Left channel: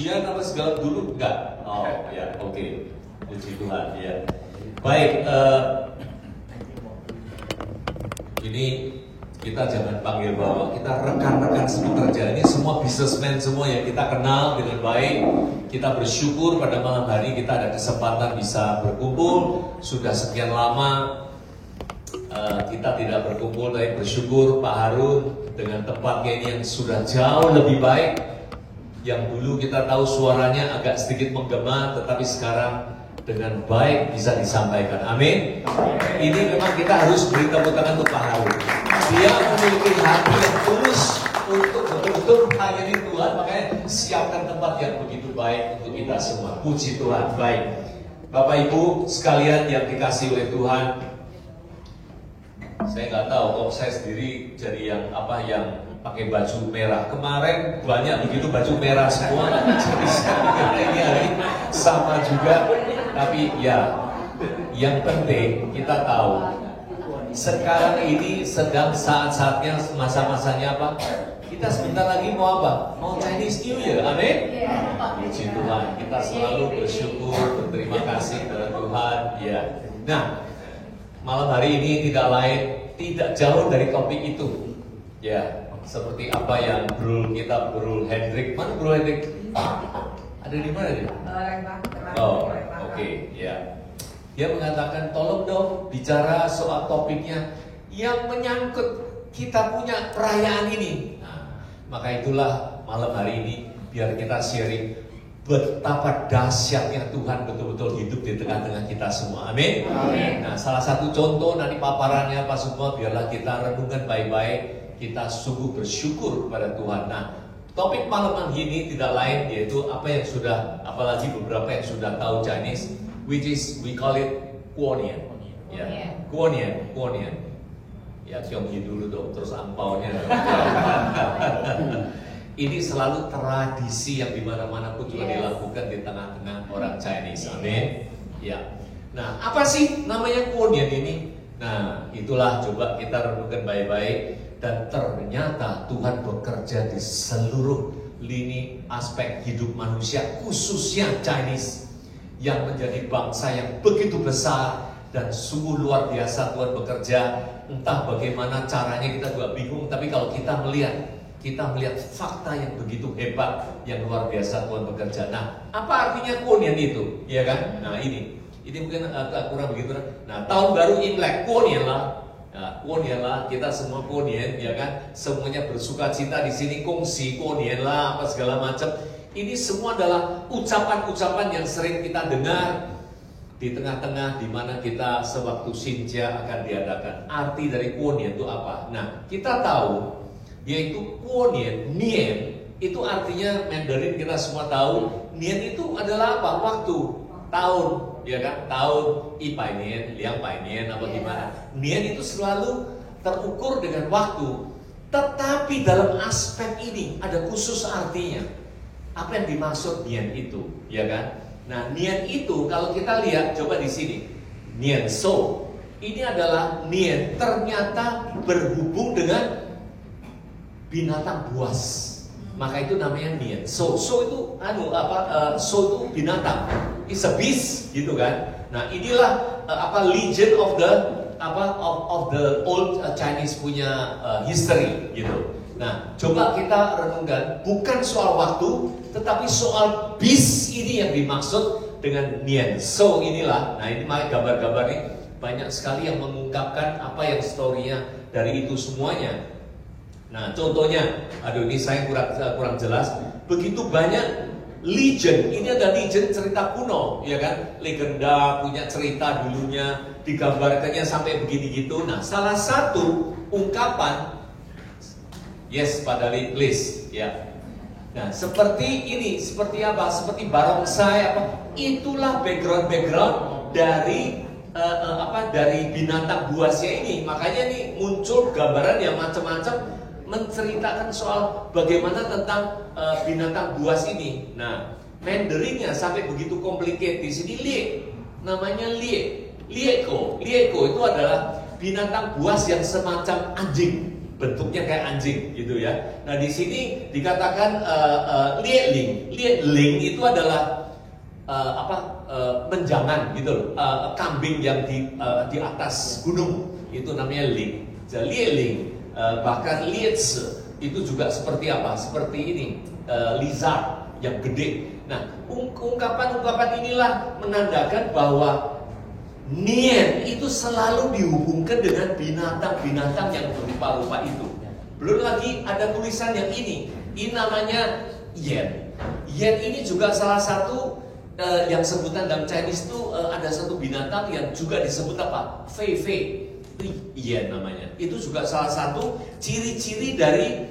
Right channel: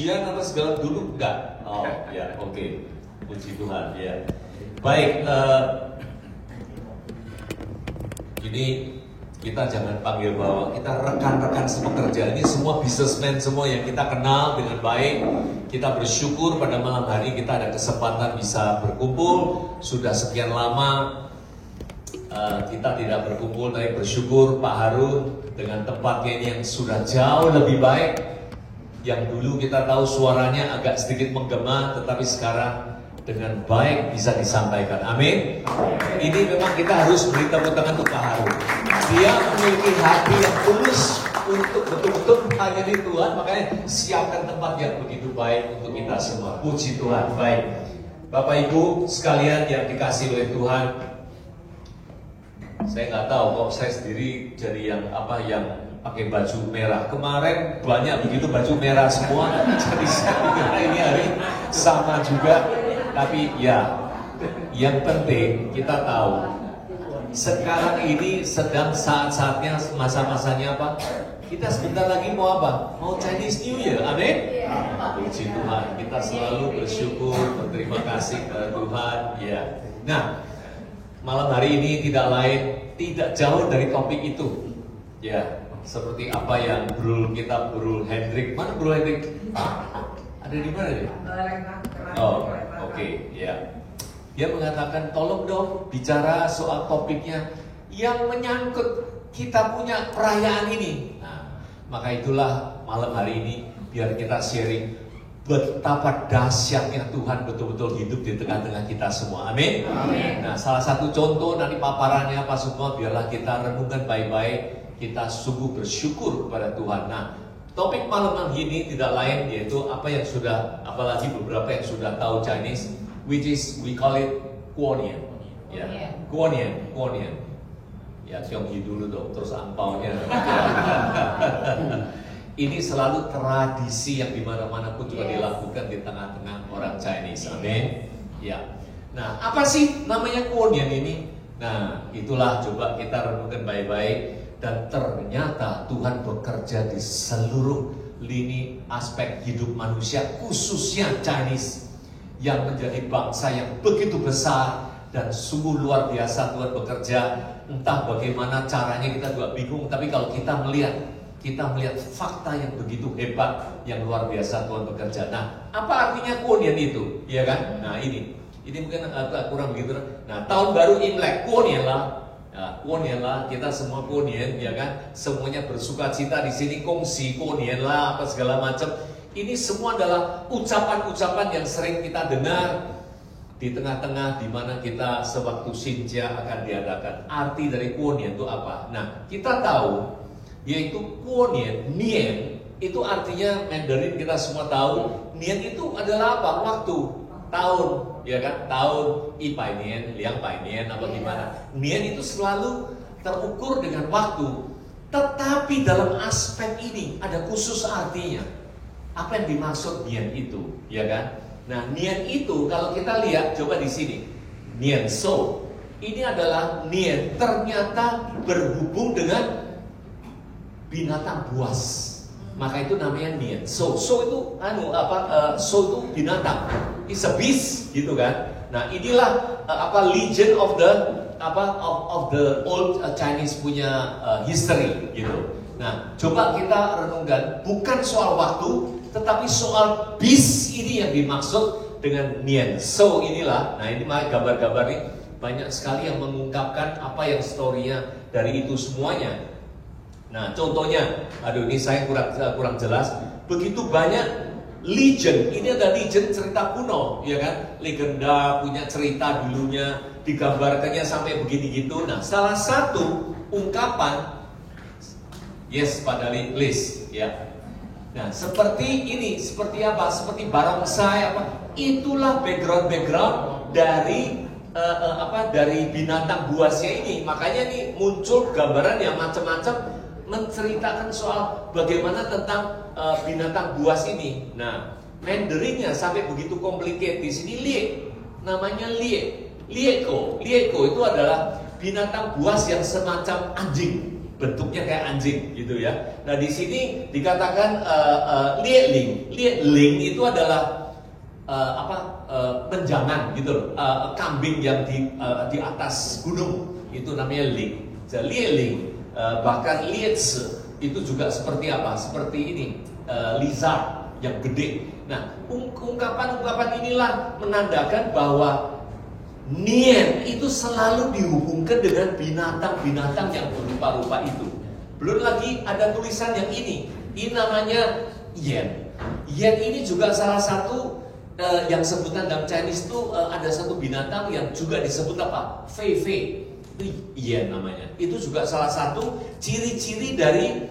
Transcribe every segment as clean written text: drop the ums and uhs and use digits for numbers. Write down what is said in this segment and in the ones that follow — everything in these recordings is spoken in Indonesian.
pujian apa segala dulu enggak? Oh ya, oke. Puji Tuhan ya. Baik, ini kita jangan panggil bahwa kita rekan-rekan sepekerja, ini semua businessman semua yang kita kenal dengan baik. Kita bersyukur pada malam hari kita ada kesempatan bisa berkumpul. Sudah sekian lama kita tidak berkumpul, tapi bersyukur Pak Harun dengan tempatnya ini yang sudah jauh lebih baik. Yang dulu kita tahu suaranya agak sedikit menggema, tetapi sekarang dengan baik bisa disampaikan. Amin. Ini memang kita harus beri tepuk tangan untuk Pak Harun. Dia memiliki hati yang tulus untuk betul-betul melayani Tuhan, makanya siapkan tempat yang begitu baik untuk kita semua. Puji Tuhan. Baik, Bapak Ibu sekalian yang dikasih oleh Tuhan, saya nggak tahu kok saya sendiri jadi yang pakai baju merah. Kemarin banyak begitu baju merah semua, jadi saya pikir ini hari sama juga. Tapi ya, yang penting kita tahu sekarang ini sedang saat-saatnya, masa-masanya apa? Kita sebentar lagi mau apa? Mau Chinese New Year, amin? Puji Tuhan, kita selalu bersyukur, berterima kasih kepada Tuhan. Ya. Nah, malam hari ini tidak jauh dari topik itu. Ya, seperti apa yang Bro Hendrik, mana Bro Hendrik? Ada di mana dia? Oh, oke, ya. Dia mengatakan tolong dong bicara soal topiknya yang menyangkut kita punya perayaan ini. Nah, maka itulah malam hari ini biar kita sharing betapa dahsyatnya Tuhan betul-betul hidup di tengah-tengah kita semua. Amin. Nah, salah satu contoh nanti paparannya Pak Sukma, biarlah kita renungkan baik-baik. Kita sungguh bersyukur kepada Tuhan. Nah, topik malam hari ini tidak lain yaitu apa yang sudah, apalagi beberapa yang sudah tahu Chinese, which is we call it Kuonian. Ya, Kuonian. Ya, Tionghi dulu dong, terus angpaunya. Ini selalu tradisi yang dimana-mana pun juga dilakukan di tengah-tengah orang Chinese. Amin. Ya. Nah, apa sih namanya Kuonian ini? Nah, itulah coba kita renungkan baik-baik. Dan ternyata Tuhan bekerja di seluruh lini aspek hidup manusia, khususnya Chinese yang menjadi bangsa yang begitu besar dan sungguh luar biasa Tuhan bekerja. Entah bagaimana caranya kita juga bingung, tapi kalau kita melihat fakta yang begitu hebat, yang luar biasa Tuhan bekerja. Nah, apa artinya Kuonian itu? Ya kan? Nah, ini mungkin agak kurang begitu. Nah, tahun baru Imlek, Kuonian lah. Nah, Kuonian lah, kita semua Kuonian, ya kan? Semuanya bersuka cita di sini, kongsi Kuonian lah, apa segala macam. Ini semua adalah ucapan-ucapan yang sering kita dengar di tengah-tengah di mana kita sewaktu Xinjia akan diadakan. Arti dari Kuonian itu apa? Nah, kita tahu yaitu Kuonian, Nian itu artinya Mandarin kita semua tahu. Nian itu adalah apa? Waktu, tahun, ya kan? Tahun, Ipai Nian, Liang Pai Nian, apa gimana? Nian itu selalu terukur dengan waktu. Tetapi dalam aspek ini ada khusus artinya. Apa yang dimaksud Nian itu, ya kan? Nah, Nian itu kalau kita lihat coba di sini, Nian So, ini adalah Nian ternyata berhubung dengan binatang buas. Maka itu namanya Nian. So itu so itu binatang. It's a beast gitu kan. Nah, inilah legend of the old Chinese punya history gitu. Nah, coba kita renungkan bukan soal waktu, tetapi soal beast ini yang dimaksud dengan Nian. So inilah. Nah, ini gambar-gambar ini banyak sekali yang mengungkapkan apa yang story-nya dari itu semuanya. Nah, contohnya, ini saya kurang jelas. Begitu banyak legend. Ini ada legend cerita kuno, ya kan? Legenda punya cerita dulunya, digambarkannya sampai begini gitu. Nah, salah satu ungkapan, yes, pada list, ya. Nah, seperti ini, seperti apa? Seperti barongsai apa? Itulah background dari dari binatang buasnya ini. Makanya nih muncul gambaran yang macam-macam menceritakan soal bagaimana tentang binatang buas ini. Nah, Mandarinnya sampai begitu complicated. Di sini namanya Lieko itu adalah binatang buas yang semacam anjing. bentuknya kayak anjing gitu ya. Nah di sini dikatakan lietling. Lietling itu adalah menjangan gitu loh, kambing yang di atas gunung itu namanya ling. Jadi lietling, bahkan lietse itu juga seperti apa? Seperti ini, lizard yang gede. Nah ungkapan-ungkapan inilah menandakan bahwa Nien itu selalu dihubungkan dengan binatang-binatang yang berupa-rupa itu. Belum lagi ada tulisan yang ini namanya yen. Yen ini juga salah satu yang sebutan dalam Chinese itu ada satu binatang yang juga disebut apa? Fei Fei. Yen namanya. Itu juga salah satu ciri-ciri dari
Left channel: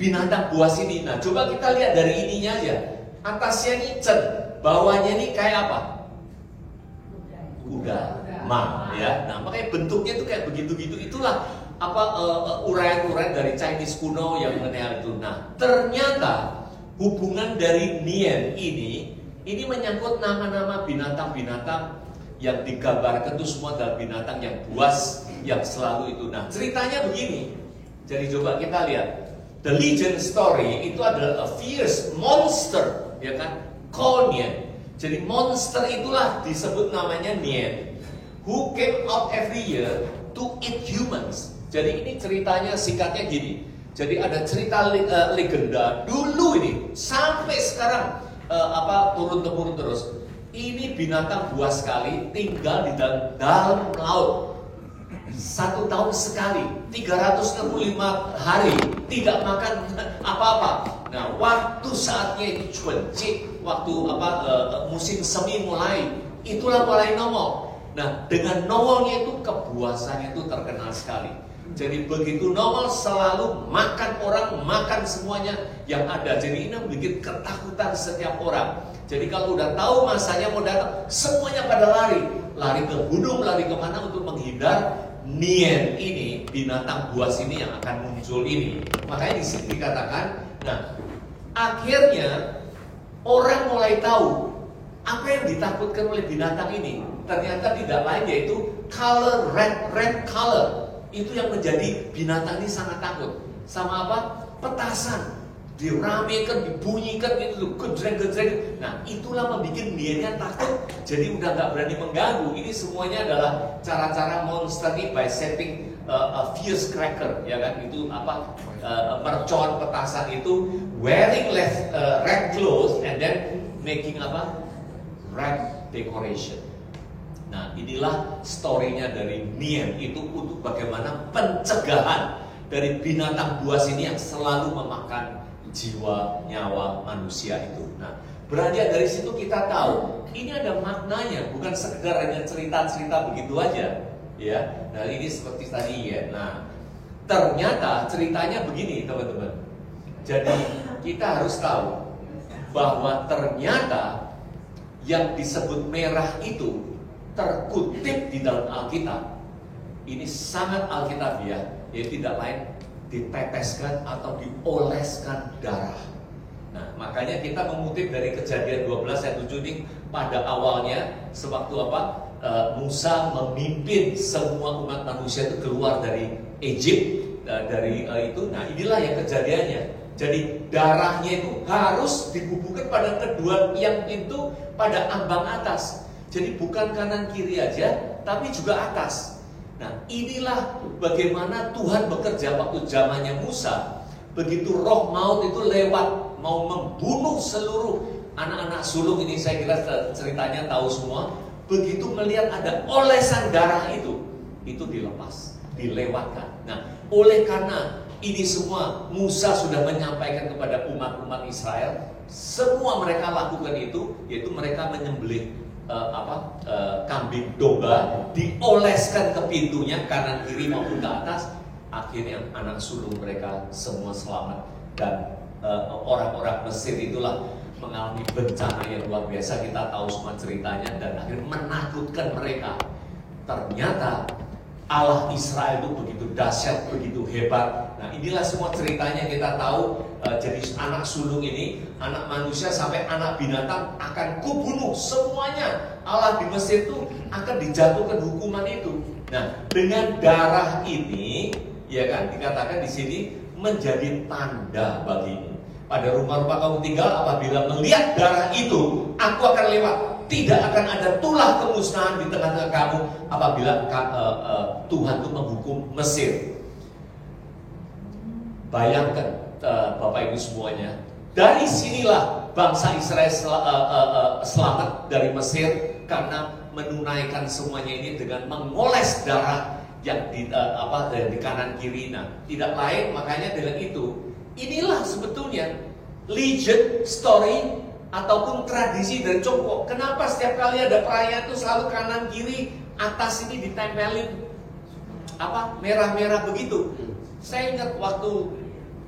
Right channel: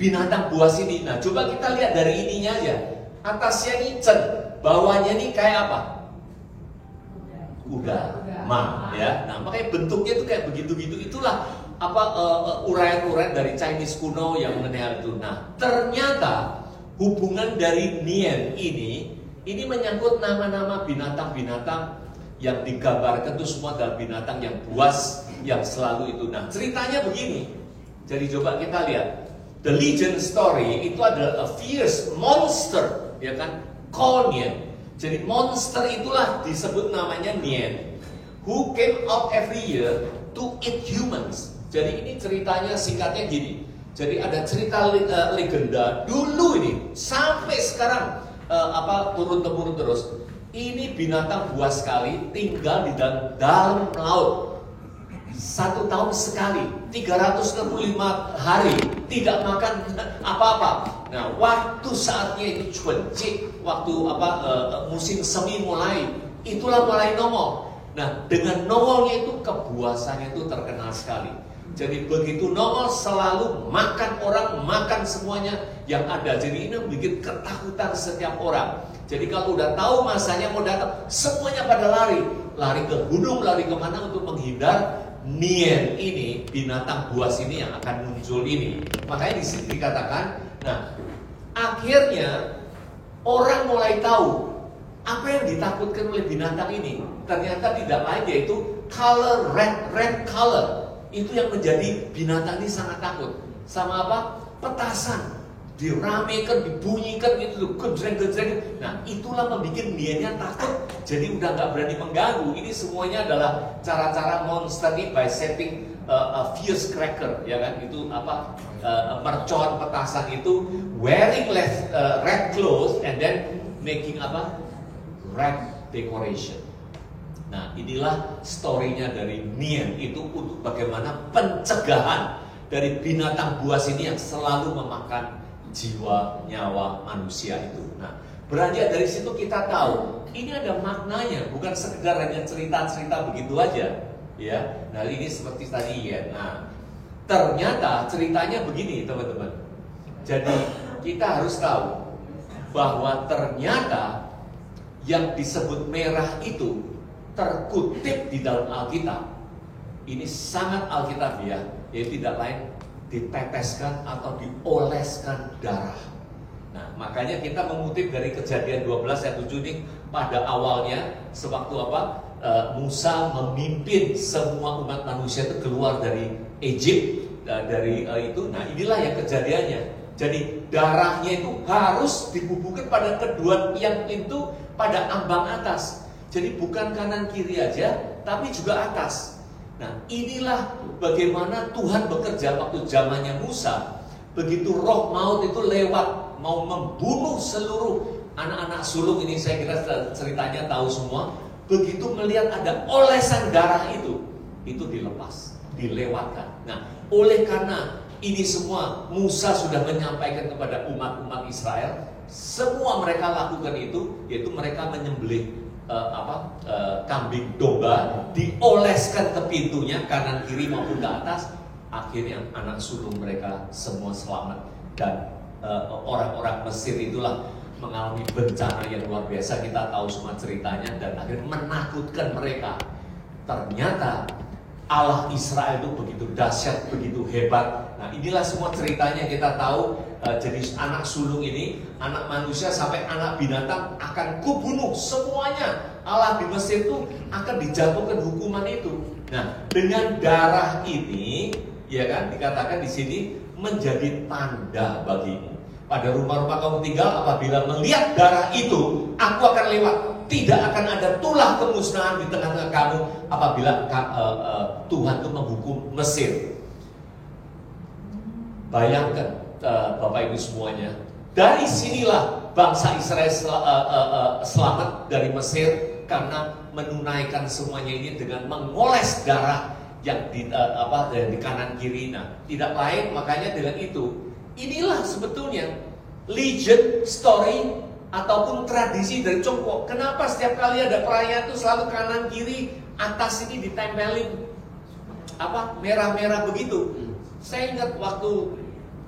binatang buas ini. Nah, coba kita lihat dari ininya aja. Atasnya ini cen, bawahnya ini kayak apa? Kuda. Ya. Nah, makanya bentuknya itu kayak begitu-gitu. Itulah apa uraian-uraian dari Chinese kuno yang mengenai hal itu. Nah, ternyata hubungan dari Nien ini menyangkut nama-nama binatang-binatang yang digambarkan itu semua adalah binatang yang buas yang selalu itu. Nah, ceritanya begini. Jadi coba kita lihat. The legend story itu adalah a fierce monster, ya kan? Called Nien. Jadi monster itulah disebut namanya Nien, who came out every year to eat humans. Jadi ini ceritanya singkatnya gini. Jadi ada cerita legenda dulu ini sampai sekarang turun-temurun terus. Ini binatang buas sekali, tinggal di dalam laut. 1 tahun sekali, 365 hari tidak makan apa-apa. Nah, waktu saatnya itu cuancik, waktu musim semi mulai, itulah mulai nongol. Nah, dengan nongolnya itu kebuasannya itu terkenal sekali. Jadi begitu nongol selalu makan orang, makan semuanya yang ada. Jadi ini membuat ketakutan setiap orang. Jadi kalau udah tahu masanya mau datang, semuanya pada lari ke gunung, lari kemana untuk menghindar Nien ini, binatang buas ini yang akan muncul ini. Makanya di sini dikatakan, nah akhirnya orang mulai tahu apa yang ditakutkan oleh binatang ini. Ternyata tidak lain yaitu color, red color. Itu yang menjadi binatang ini sangat takut. Sama apa? Petasan. Diramekan, dibunyikan gitu, gejreng-gejreng. Nah, itulah membuat Niennya takut. Jadi udah nggak berani mengganggu. Ini semuanya adalah cara-cara monster ini by setting a fierce cracker, ya kan? Itu mercon petasan itu wearing red clothes and then making red decoration. Nah, inilah story-nya dari Nien itu untuk bagaimana pencegahan dari binatang buas ini yang selalu memakan jiwa, nyawa manusia itu. Nah, beranjak dari situ kita tahu ini ada maknanya, bukan sekedar hanya cerita-cerita begitu aja, ya. Nah, ini seperti tadi ya. Nah, ternyata ceritanya begini, teman-teman. Jadi kita harus tahu bahwa ternyata yang disebut merah itu terkutip di dalam Alkitab. Ini sangat alkitabiah, yaitu tidak lain diteteskan atau dioleskan darah. Nah, makanya kita mengutip dari Kejadian 12 ayat 7 ini, pada awalnya sewaktu Musa memimpin semua umat manusia itu keluar dari Egypt, itu. Nah, inilah yang kejadiannya. Jadi darahnya itu harus dibubuhkan pada kedua yang itu pada ambang atas. Jadi bukan kanan kiri aja, tapi juga atas. Nah, inilah bagaimana Tuhan bekerja waktu zamannya Musa. Begitu roh maut itu lewat, mau membunuh seluruh anak-anak sulung ini, saya kira ceritanya tahu semua. Begitu melihat ada olesan darah itu dilepas, dilewatkan. Nah, oleh karena ini semua Musa sudah menyampaikan kepada umat-umat Israel, semua mereka lakukan itu, yaitu mereka menyembelih kambing domba, dioleskan ke pintunya kanan kiri maupun ke atas. Akhirnya anak sulung mereka semua selamat. Dan orang-orang Mesir itulah mengalami bencana yang luar biasa. Kita tahu semua ceritanya, dan akhirnya menakutkan mereka. Ternyata Allah Israel itu begitu dahsyat, begitu hebat. Nah, inilah semua ceritanya kita tahu. Jadi anak sulung ini, anak manusia sampai anak binatang akan kubunuh semuanya. Allah di Mesir itu akan dijatuhkan hukuman itu. Nah, dengan darah ini, ya kan? Dikatakan di sini menjadi tanda bagimu. Pada rumah-rumah kamu tinggal, apabila melihat darah itu, aku akan lewat. Tidak akan ada tulah kemusnahan di tengah-tengah kamu apabila Tuhan itu menghukum Mesir. Bayangkan Bapak Ibu semuanya, dari sinilah bangsa Israel selamat dari Mesir karena menunaikan semuanya ini dengan mengoles darah yang di kanan kiri. Nah, tidak lain makanya dengan itu. Inilah sebetulnya legend story ataupun tradisi dari Tiongkok. Kenapa setiap kali ada perayaan itu selalu kanan kiri atas ini ditempelin merah-merah begitu. Saya ingat waktu,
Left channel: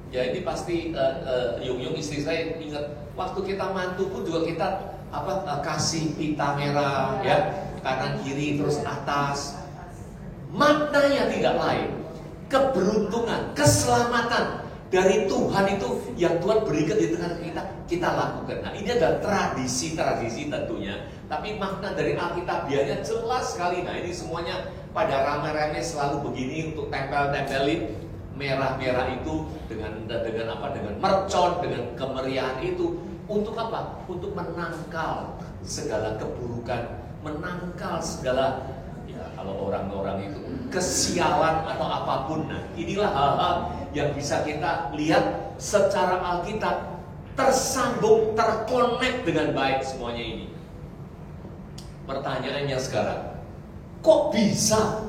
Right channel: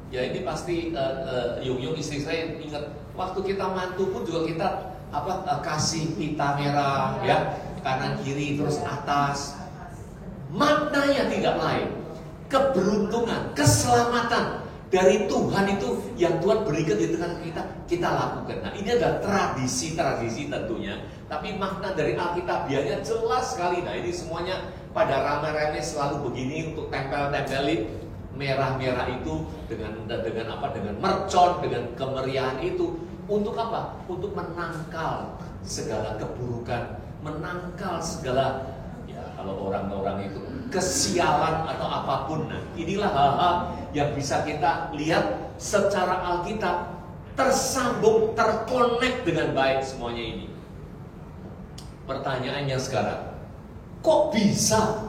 ya ini pasti Yung istri saya ingat, waktu kita mantu pun juga kita kasih pita merah ya, kanan kiri terus atas. Maknanya tidak lain, keberuntungan, keselamatan dari Tuhan itu yang Tuhan berikan di tengah kita lakukan. Nah, ini adalah tradisi-tradisi tentunya, tapi makna dari Alkitabiahnya jelas sekali. Nah, ini semuanya pada rame-rame selalu begini untuk tempel-tempelin merah-merah itu dengan mercon, dengan kemeriahan itu. Untuk apa? Untuk menangkal segala keburukan, menangkal segala, ya kalau orang-orang itu kesialan atau apapun. Nah, inilah hal-hal yang bisa kita lihat secara Alkitab tersambung, terkonek dengan baik semuanya ini. Pertanyaannya sekarang, kok bisa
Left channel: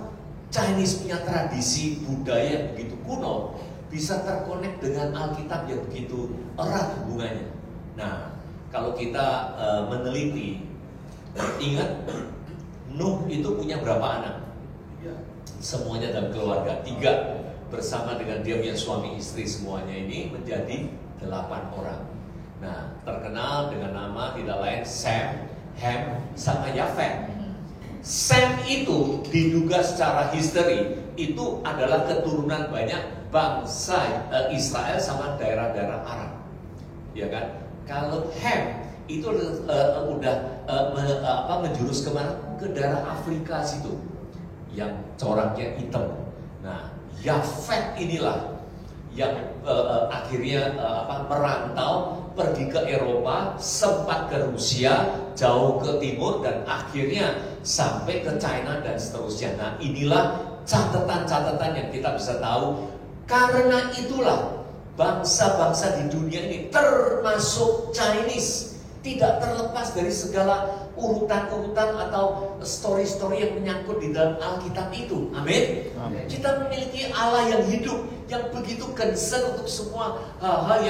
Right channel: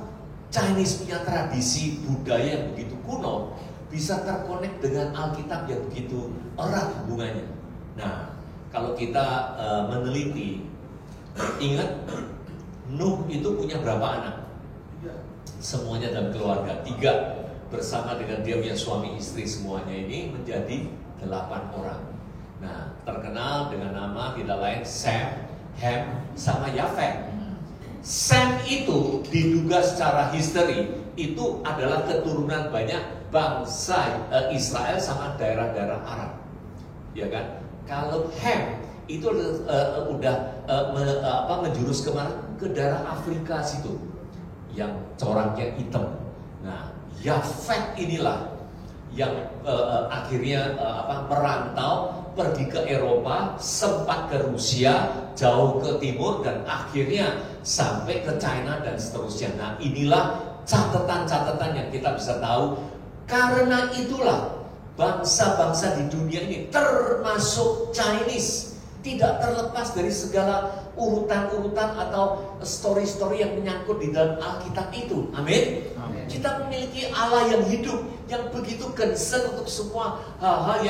Chinese punya tradisi budaya yang begitu kuno bisa terkonek dengan Alkitab yang begitu erat hubungannya? Nah, kalau kita meneliti, ingat Nuh itu punya berapa anak? Semuanya dalam keluarga 3, bersama dengan dia punya suami istri, semuanya ini menjadi 8 orang. Nah, terkenal dengan nama tidak lain Sem, Ham, sama Yafet. Sem itu diduga secara history itu adalah keturunan banyak bangsa Israel sama daerah-daerah Arab, ya kan? Kalau Ham itu udah menjurus kemana? Ke daerah Afrika situ, yang coraknya hitam. Nah, Yafet inilah yang akhirnya merantau, pergi ke Eropa, sempat ke Rusia, jauh ke timur, dan akhirnya sampai ke China dan seterusnya. Nah, inilah catatan-catatan yang kita bisa tahu. Karena itulah bangsa-bangsa di dunia ini termasuk Chinese tidak terlepas dari segala urutan-urutan atau story-story yang menyangkut di dalam Alkitab itu. Amin. Kita memiliki Allah yang hidup, yang begitu concern untuk semua hal-hal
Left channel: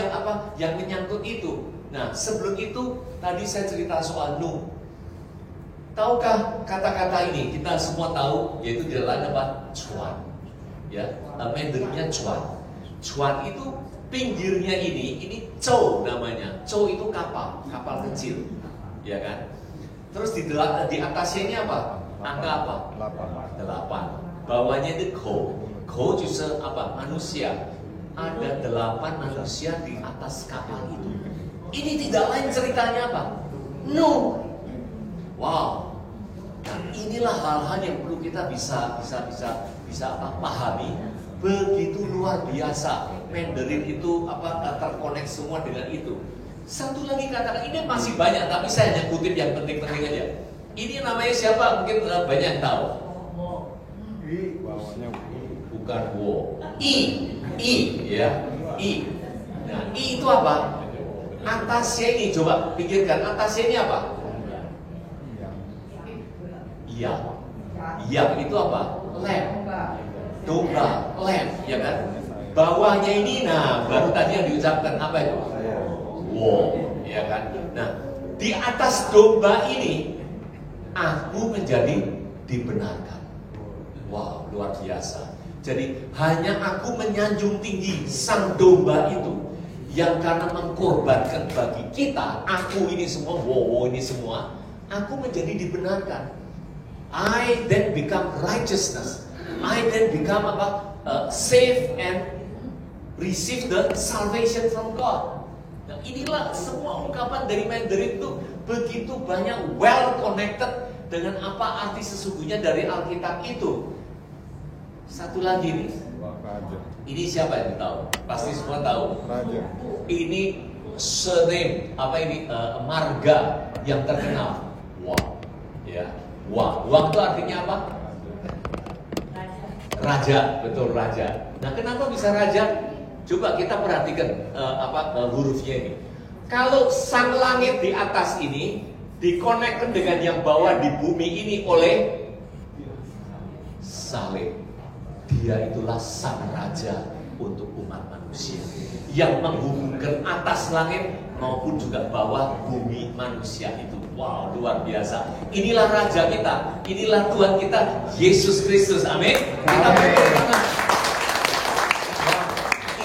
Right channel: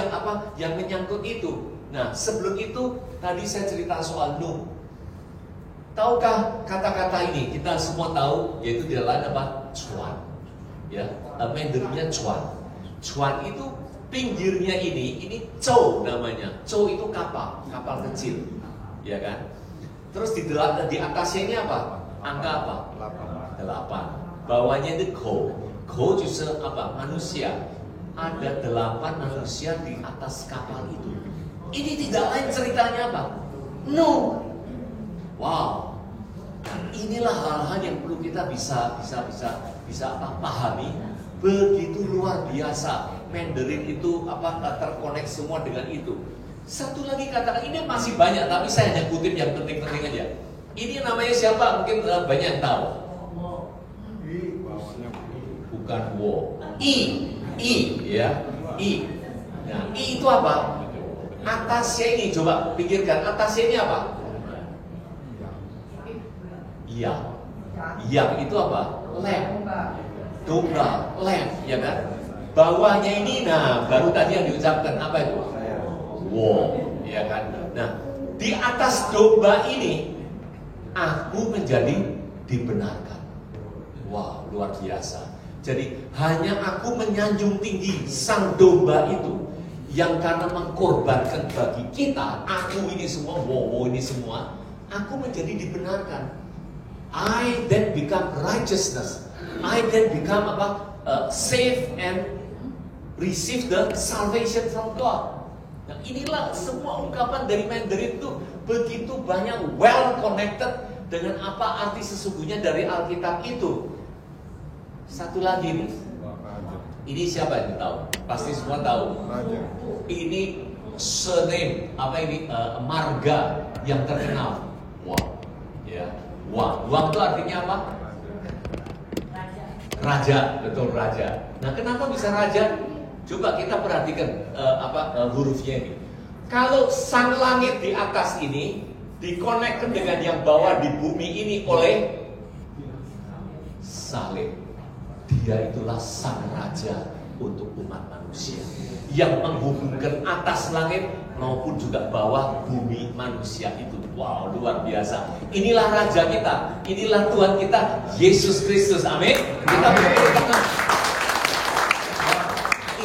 yang menyangkut itu. Nah, sebelum itu tadi saya cerita soal Nuh. Tahukah kata-kata ini? Kita semua tahu, yaitu di dalam cuan. Ya, Mandarinnya cuan. Cuan itu pinggirnya ini cow namanya. Cow itu kapal kecil, ya kan? Terus di atasnya ini apa? Angka apa? 8. Bawahnya itu ko. Ko justru manusia. Ada 8 manusia di atas kapal itu. Ini tidak lain ceritanya apa? Nuh. Wow. Nah, inilah hal-hal yang perlu kita bisa pahami. Begitu luar biasa. Mandarin itu terkonek semua dengan itu. Satu lagi katakan, ini masih banyak, tapi saya hanya kutip yang penting-penting aja. Ini namanya siapa? Mungkin banyak yang tahu. Bukan wo. I, ya. I. Nah, I itu apa? Atasnya ini, coba pikirkan, atasnya ini apa? Iya. Iya itu apa? Lamb. Domba, lamb, ya kan? Bawahnya ini, nah baru tadi yang diucapkan apa itu? Wow, ya kan? Nah, di atas domba ini aku menjadi dibenarkan. Wow, luar biasa. Jadi hanya aku menyanjung tinggi sang domba itu yang karena mengkorbankan bagi kita, aku ini semua, wow ini semua, aku menjadi dibenarkan. I then become righteousness. I then become saved and receive the salvation from God. Nah, inilah semua ungkapan dari Mandarin itu begitu banyak well connected dengan apa arti sesungguhnya dari Alkitab itu. Satu lagi nih, Ini siapa yang tahu? Pasti semua tahu. Ini surname, apa ini? Marga yang terkenal. Wang. Ya. Wang. Wang itu artinya apa? Raja, betul raja. Nah, kenapa bisa raja? Coba kita perhatikan hurufnya ini. Kalau sang langit di atas ini dikonekkan dengan yang bawah di bumi ini oleh salib. Dia itulah sang raja untuk umat manusia yang menghubungkan atas langit maupun juga bawah bumi manusia itu. Wow, luar biasa. Inilah raja kita, inilah Tuhan kita, Yesus Kristus. Amin. Kita berdoa.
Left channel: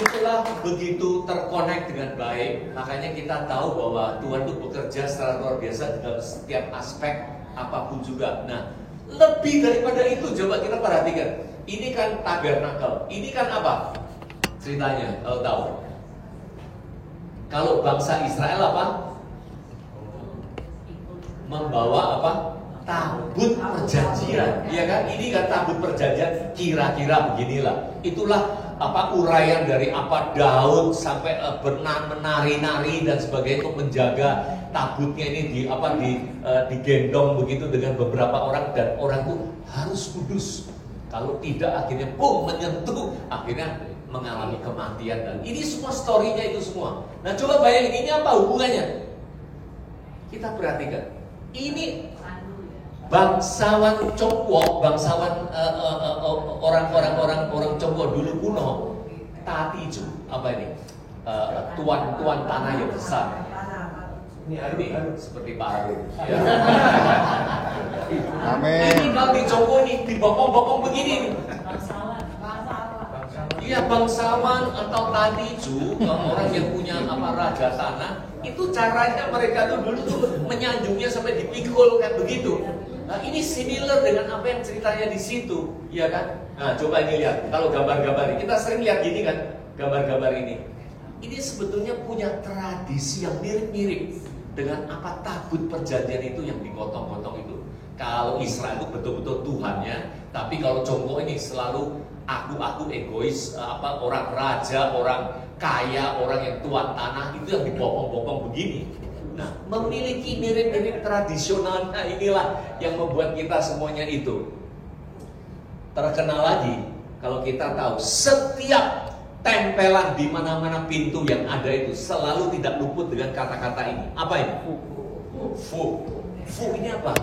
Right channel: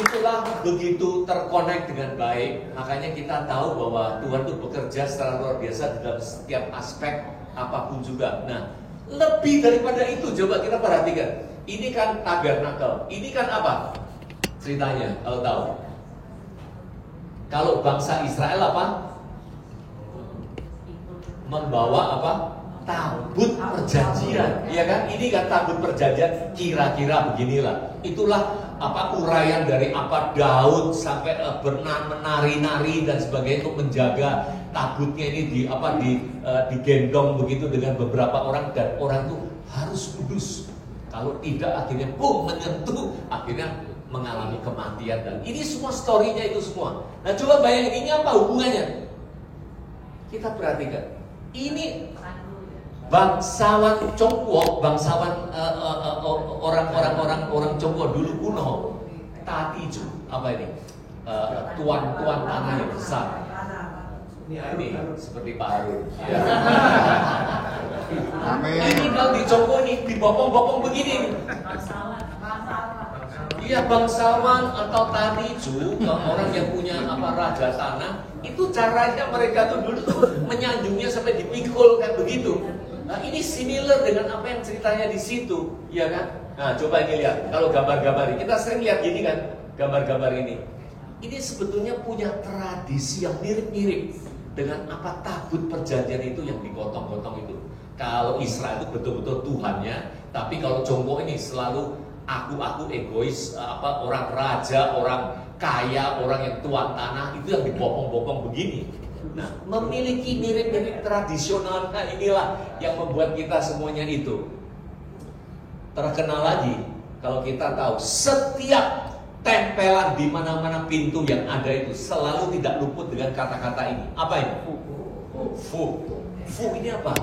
Itulah begitu terkonek dengan baik. Makanya kita tahu bahwa Tuhan itu bekerja secara luar biasa dalam setiap aspek apapun juga. Nah, lebih daripada itu, coba kita perhatikan. Ini kan tabernakel. Ini kan apa? Ceritanya, kalau tahu. Kalau bangsa Israel apa? Membawa apa? Tabut perjanjian, ya kan? Ini kan tabut perjanjian, kira-kira beginilah. Itulah apa uraian dari apa Daud sampai menari-nari dan sebagainya untuk menjaga tabutnya ini digendong begitu dengan beberapa orang, dan orang itu harus kudus. Kalau tidak akhirnya menyentuh, akhirnya mengalami kematian. Dan ini semua story-nya itu semua. Nah, coba bayangin ini apa hubungannya? Kita perhatikan. Ini bangsawan Congkwo, bangsawan orang Congkwo dulu kuno, Tatiju, apa ini? Tuan tanah yang besar. Ini seperti Pak Harun. Ya. Ini kalau di Congkwo ini dibopong-bopong begini. Iya, bangsawan atau Tatiju, orang yang punya raja tanah, itu caranya mereka tuh dulu tuh menyanjungnya sampai dipikul kayak begitu. Nah, ini similar dengan apa yang ceritanya di situ, ya kan? Nah, coba ini lihat, kalau gambar-gambar ini, kita sering lihat gini kan, gambar-gambar ini. Ini sebetulnya punya tradisi yang mirip-mirip dengan apa tabut perjanjian itu yang digotong-gotong itu. Kalau Israel itu betul-betul Tuhannya, tapi kalau Congkwo ini selalu aku egois, orang raja, orang kaya, orang yang tuan tanah, itu yang dibopong-bopong begini. Nah, memiliki mirip-mirip tradisional. Nah, inilah yang membuat kita semuanya itu terkenal lagi. Kalau kita tahu setiap tempelan di mana-mana pintu yang ada itu selalu tidak luput dengan kata-kata ini. Apa ini? Fu. Fu ini apa?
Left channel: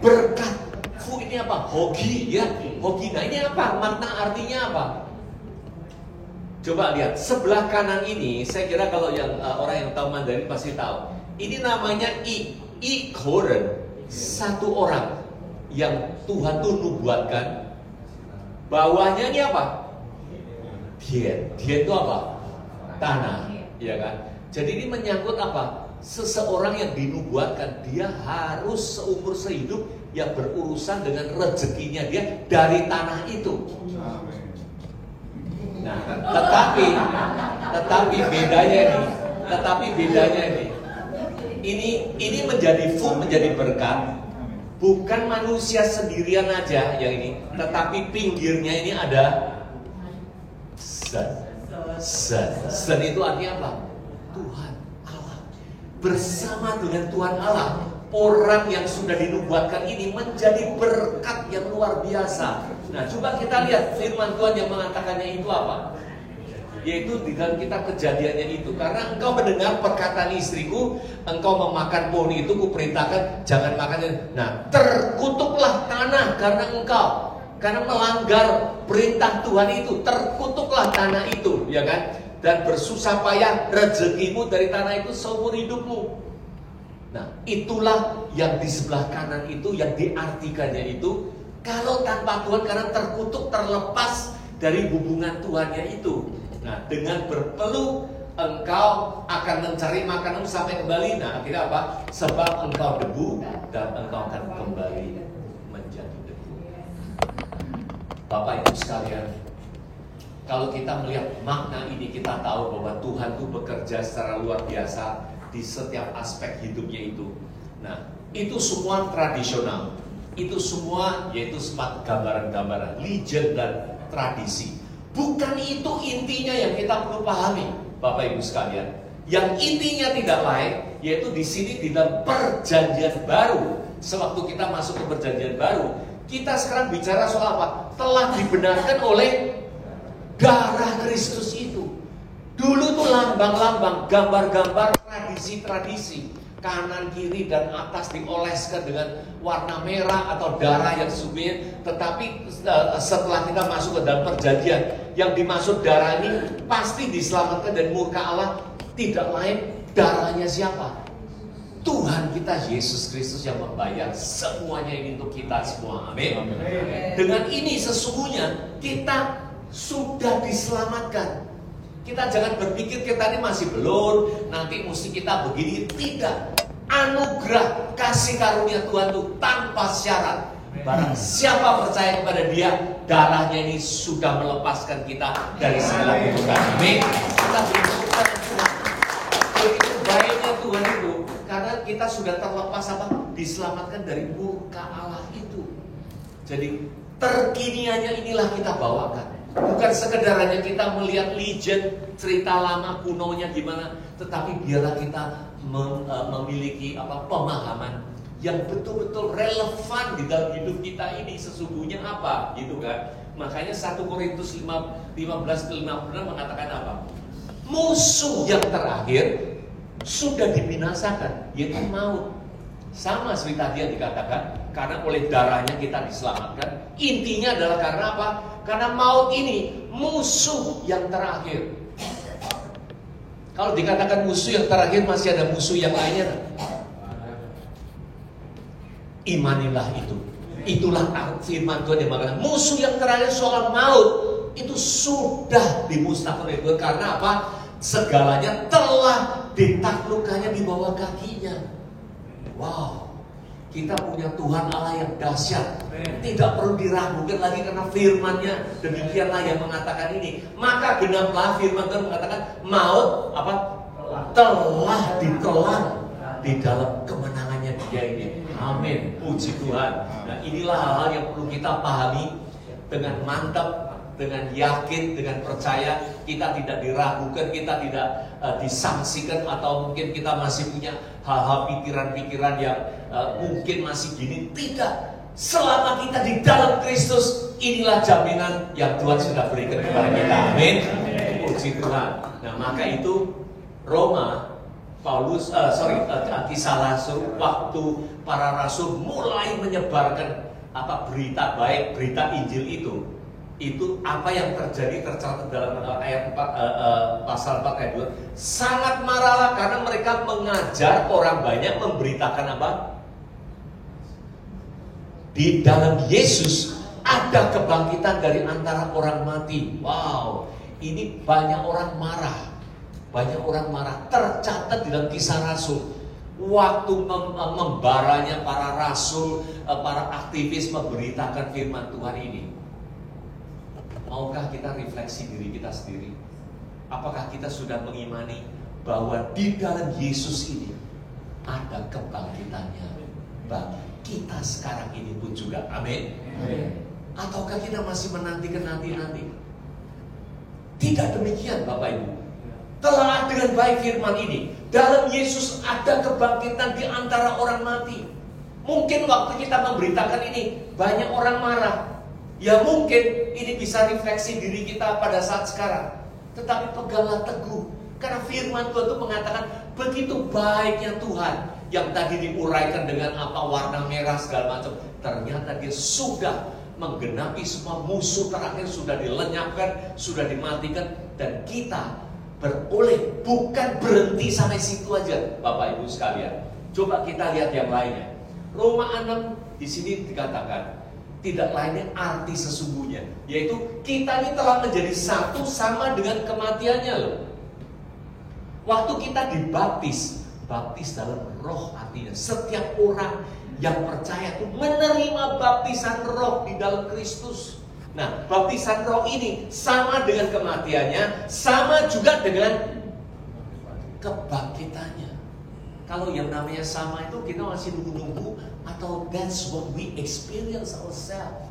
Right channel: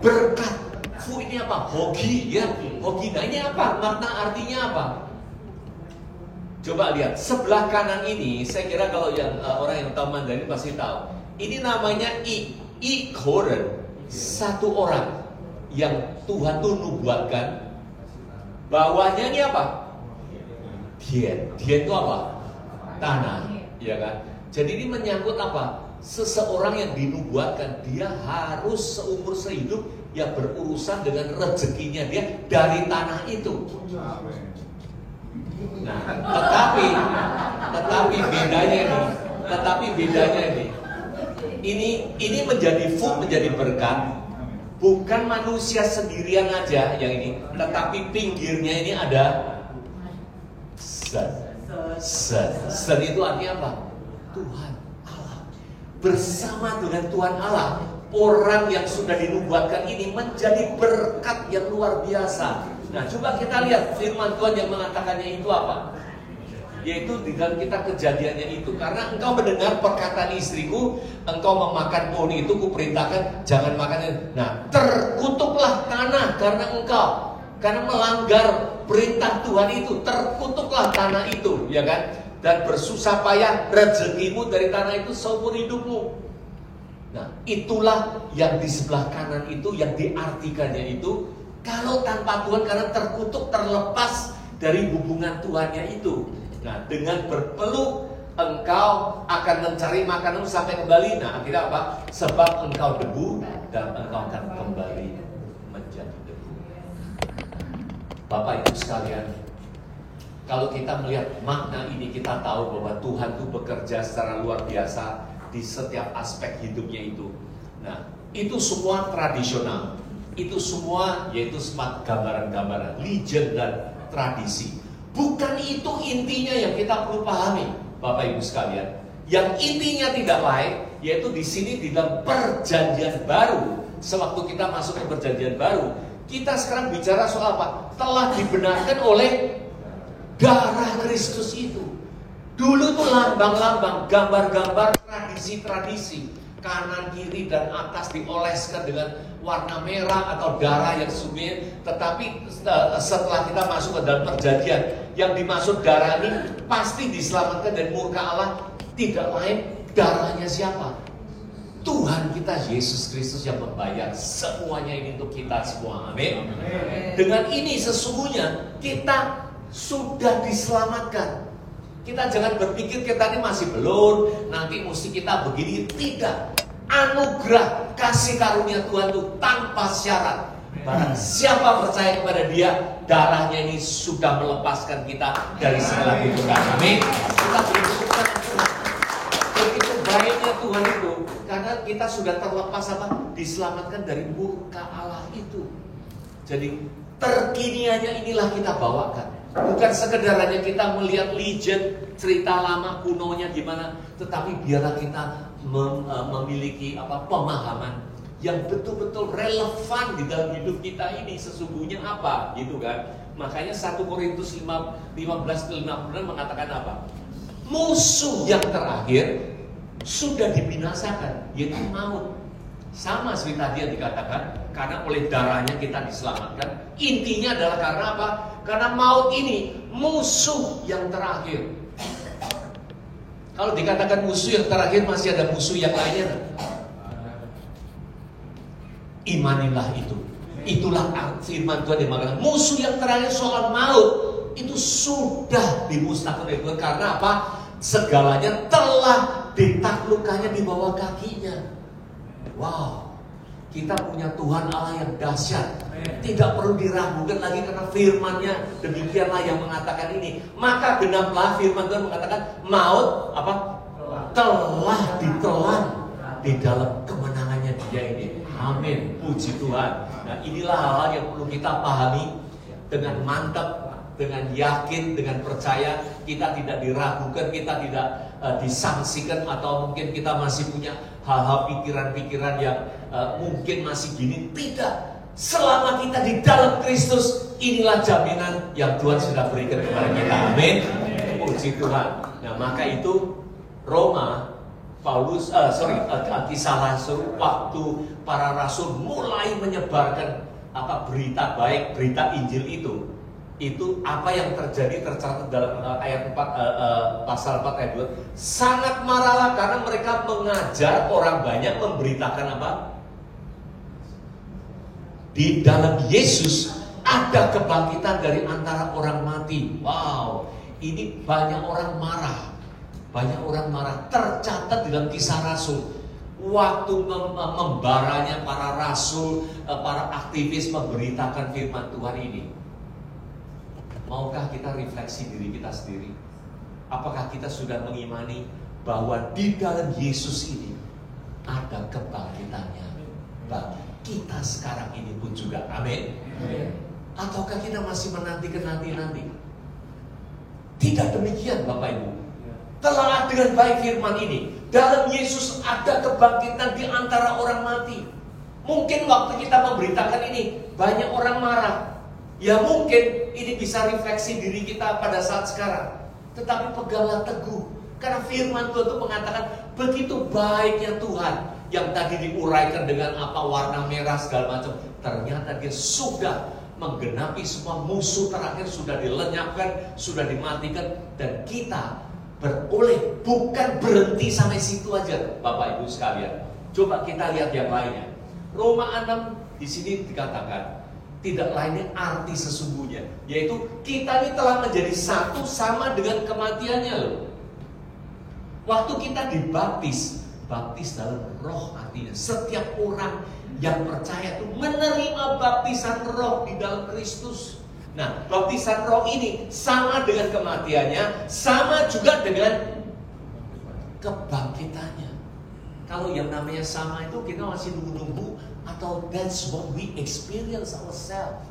Berkat. Fu ini apa? Hoki, ya. Hoki. Nah, ini apa? Makna artinya apa? Coba lihat sebelah kanan ini. Saya kira kalau yang orang yang tahu Mandarin pasti tahu. Ini namanya I Koren. Satu orang yang Tuhan tuh nubuatkan. Bawahnya ini apa? Dian itu apa? Tanah, ya kan? Jadi ini menyangkut apa? Seseorang yang dinubuatkan, dia harus seumur sehidup yang berurusan dengan rezekinya dia dari tanah itu. Nah, tetapi bedanya ini menjadi menjadi berkat. Bukan manusia sendirian aja yang ini, tetapi pinggirnya ini ada Sen itu artinya apa? Tuhan Allah. Bersama dengan Tuhan Allah, orang yang sudah dinubuatkan ini menjadi berkat yang luar biasa. Nah, coba kita lihat firman Tuhan yang mengatakannya itu apa? Yaitu di dalam kita kejadiannya itu. Karena engkau mendengar perkataan istriku, engkau memakan pohon itu, kuperintahkan jangan makan. Nah, terkutuklah tanah karena melanggar perintah Tuhan itu, terkutuklah tanah itu, ya kan? Dan bersusah payah rezekimu dari tanah itu seumur hidupmu. Nah, itulah yang di sebelah kanan itu, yang diartikannya itu, kalau tanpa Tuhan karena terkutuk, terlepas dari hubungan Tuhannya itu. Nah, dengan berpeluh engkau akan mencari makanan sampai kembali. Nah, akhirnya apa? Sebab engkau debu dan engkau akan kembali menjadi debu. Bapak Ibu sekalian, kalau kita melihat makna ini, kita tahu bahwa Tuhan itu bekerja secara luar biasa di setiap aspek hidupnya itu. Nah, itu semua tradisional. Itu semua yaitu sempat gambaran-gambaran, legend dan tradisi. Bukan itu intinya yang kita perlu pahami, Bapak Ibu sekalian. Yang intinya tidak lain, yaitu di sini di dalam perjanjian baru. Sewaktu kita masuk ke perjanjian baru, kita sekarang bicara soal apa? Telah dibenarkan oleh darah Kristus itu. Dulu tuh lambang-lambang, gambar-gambar, tradisi-tradisi, kanan, kiri, dan atas dioleskan dengan warna merah atau darah yang sumir. Tetapi setelah kita masuk ke dalam perjanjian, yang dimaksud darah ini pasti diselamatkan dari murka Allah. Tidak lain, darahnya siapa? Tuhan kita Yesus Kristus yang membayar semuanya ini untuk kita semua. Amin. Dengan ini sesungguhnya kita sudah diselamatkan. Kita jangan berpikir kita ini masih belum, nanti mesti kita begini. Tidak. Anugerah kasih karunia Tuhan itu tanpa syarat. Barang siapa percaya kepada Dia, darahnya ini sudah melepaskan kita dari segala kutukan. Amin. Kita bersyukur kepada Tuhan. Begitu baiknya Tuhan itu, karena kita sudah terlepas apa? Diselamatkan dari murka Allah itu. Jadi terkiniannya inilah kita bawakan. Bukan sekedar hanya kita melihat legend, cerita lama kunonya gimana, tetapi biarlah kita memiliki pemahaman yang betul-betul relevan di dalam hidup kita ini sesungguhnya apa, gitu kan? Makanya 1 Korintus 15-56 mengatakan apa? Musuh yang terakhir sudah dibinasakan, yaitu maut. Sama seperti tadi yang dikatakan, karena oleh darahnya kita diselamatkan. Intinya adalah karena apa? Karena maut ini musuh yang terakhir. Kalau dikatakan musuh yang terakhir, masih ada musuh yang lainnya. Imanilah itu. Itulah firman Tuhan yang mengatakan musuh yang terakhir soal maut itu sudah dimusnahkan oleh Tuhan. Karena apa? Segalanya telah ditaklukkannya di bawah kakinya. Wow, kita punya Tuhan Allah yang dahsyat. Tidak perlu diragukan lagi karena firman-Nya demikianlah yang mengatakan ini. Maka genaplah firman Tuhan mengatakan maut apa? Telah ditelan di dalam kemenangannya Dia ini. Amin. Puji Tuhan. Nah, inilah hal-hal yang perlu kita pahami dengan mantap, dengan yakin, dengan percaya. Kita tidak diragukan, kita tidak disangsikan, atau mungkin kita masih punya hal-hal pikiran-pikiran yang mungkin masih gini. Tidak. Selama kita di dalam Kristus, inilah jaminan yang Tuhan sudah berikan kepada kita. Amin. Puji Tuhan. Nah, maka itu Roma, Kisah Rasul, waktu para rasul mulai menyebarkan berita baik, berita Injil itu apa yang terjadi tercatat dalam ayat 4 pasal 4 ayat 2. Sangat marahlah karena mereka mengajar orang banyak memberitakan apa? Di dalam Yesus ada kebangkitan dari antara orang mati. Wow, ini banyak orang marah. Banyak orang marah. Tercatat di dalam Kisah Rasul. Waktu membaranya para rasul, para aktivis memberitakan firman Tuhan ini. Maukah kita refleksi diri kita sendiri? Apakah kita sudah mengimani bahwa di dalam Yesus ini ada kebangkitannya bagi kita sekarang ini pun juga? Amin. Ataukah kita masih menanti-nanti? Tidak demikian, Bapak Ibu. Telah dengan baik firman ini, dalam Yesus ada kebangkitan di antara orang mati. Mungkin waktu kita memberitakan ini banyak orang marah. Ya mungkin ini bisa refleksi diri kita pada saat sekarang. Tetapi peganglah teguh, karena firman Tuhan itu mengatakan begitu baiknya Tuhan. Yang tadi diuraikan dengan warna merah segala macam, ternyata Dia sudah menggenapi semua. Musuh terakhir sudah dilenyapkan, sudah dimatikan. Dan kita beroleh, bukan berhenti sampai situ aja, Bapak Ibu sekalian. Coba kita lihat yang lainnya. Roma 6 di sini dikatakan tidak lainnya arti sesungguhnya, yaitu kita ini telah menjadi satu sama dengan kematiannya loh. Waktu kita dibaptis, baptis dalam roh artinya setiap orang yang percaya itu menerima baptisan roh di dalam Kristus. Nah, baptisan roh ini sama dengan kematiannya, sama juga dengan kebangkitannya. Kalau yang namanya sama itu kita masih nunggu-nunggu, atau that's what we experience ourselves.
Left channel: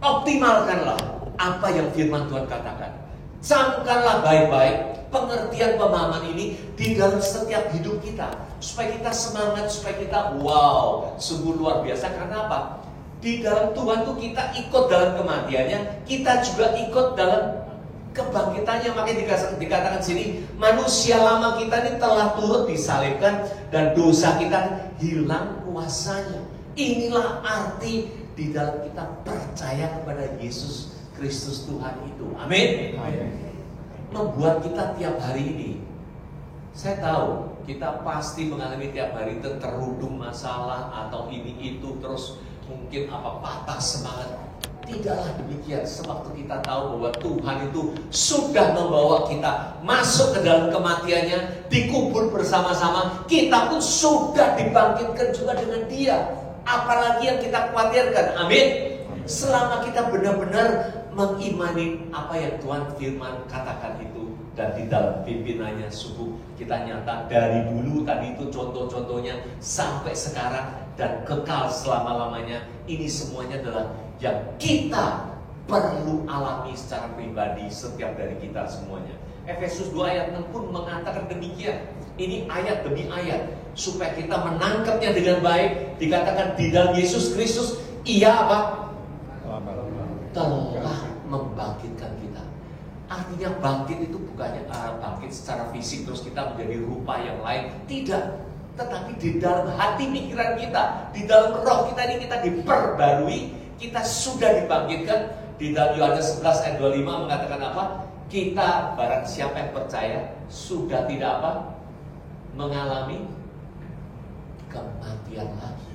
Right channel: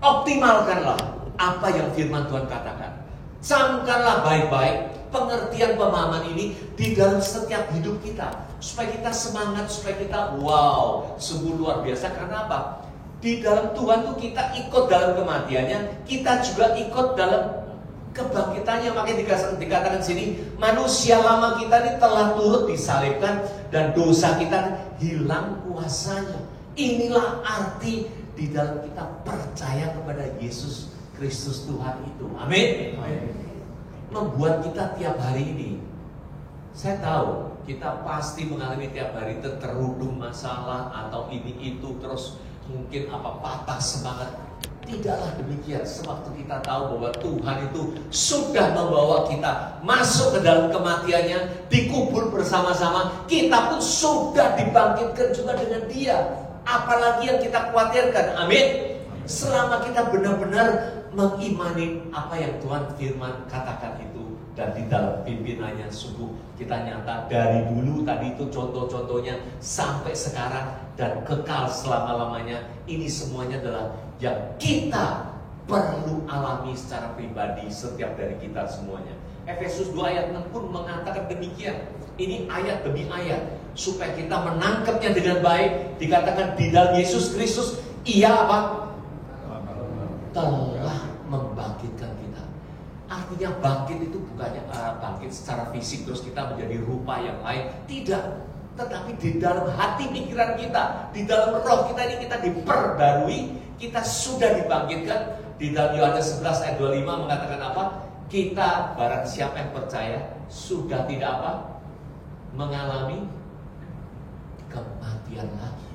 Optimalkanlah apa yang firman Tuhan katakan. Camkanlah baik-baik pengertian pemahaman ini di dalam setiap hidup kita, supaya kita semangat, supaya kita wow, sungguh luar biasa. Karena apa? Di dalam Tuhan tuh kita ikut dalam kematiannya, kita juga ikut dalam kebangkitannya. Makanya dikatakan sini, manusia lama kita ini telah turut disalibkan dan dosa kita hilang kuasanya. Inilah arti di dalam kita percaya kepada Yesus Kristus Tuhan itu. Amin. Membuat kita tiap hari ini, saya tahu kita pasti mengalami tiap hari terudung masalah atau ini itu, terus mungkin patah semangat. Tidaklah demikian. Sewaktu kita tahu bahwa Tuhan itu sudah membawa kita masuk ke dalam kematiannya, dikubur bersama-sama, kita pun sudah dibangkitkan juga dengan Dia. Apalagi yang kita khawatirkan. Amin. Selama kita benar-benar mengimani apa yang Tuhan firman katakan itu, dan di dalam pimpinannya sungguh kita nyata dari dulu tadi itu contoh-contohnya sampai sekarang dan kekal selama-lamanya. Ini semuanya adalah yang kita perlu alami secara pribadi setiap dari kita semuanya. Efesus 2 ayat 6 pun mengatakan demikian. Ini ayat demi ayat supaya kita menangkapnya dengan baik. Dikatakan di dalam Yesus Kristus Ia telah membangkitkan kita. Artinya bangkit itu bukannya bangkit secara fisik terus kita menjadi rupa yang lain. Tidak. Tetapi di dalam hati pikiran kita, di dalam roh kita ini kita diperbarui. Kita sudah dibangkitkan. Di dalam Yohanes 11 ayat 25 mengatakan apa? Kita barang siapa yang percaya sudah tidak mengalami kematian lagi.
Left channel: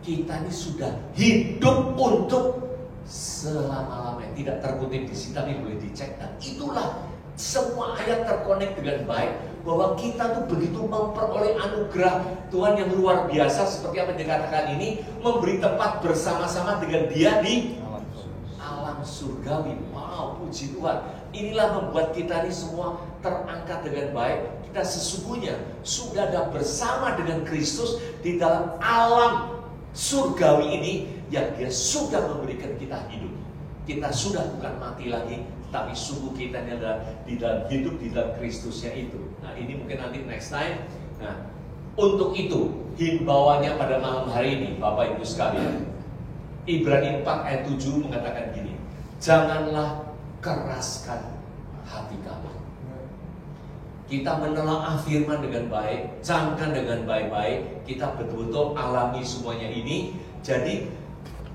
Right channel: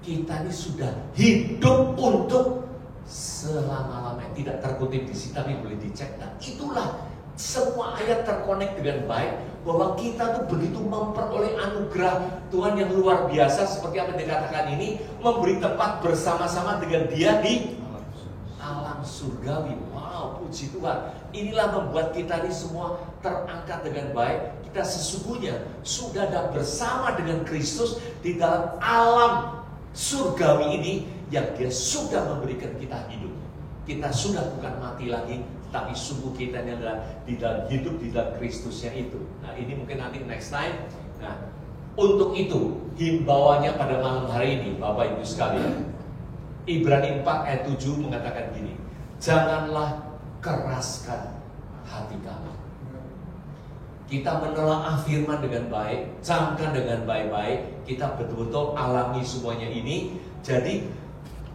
Kita ini sudah hidup untuk selama-lamanya. Tidak terkutip di sini tapi boleh dicek. Dan itulah semua ayat terkonek dengan baik, bahwa kita tuh begitu memperoleh anugerah Tuhan yang luar biasa. Seperti apa yang dikatakan ini, memberi tempat bersama-sama dengan Dia di alam surgawi. Wow, puji Tuhan. Inilah membuat kita ini semua terangkat dengan baik. Kita sesungguhnya sudah ada bersama dengan Kristus di dalam alam surgawi ini, yang Dia sudah memberikan kita hidup. Kita sudah bukan mati lagi, tapi sungguh kita ini adalah di dalam hidup di dalam Kristusnya itu. Nah, ini mungkin nanti next time. Nah, untuk itu himbauannya pada malam hari ini, Bapak Ibu sekalian, Ibrani 4 ayat 7 mengatakan gini, janganlah keraskan hati kamu. Kita menelaah firman dengan baik, camkan dengan baik-baik, kita betul-betul alami semuanya ini. Jadi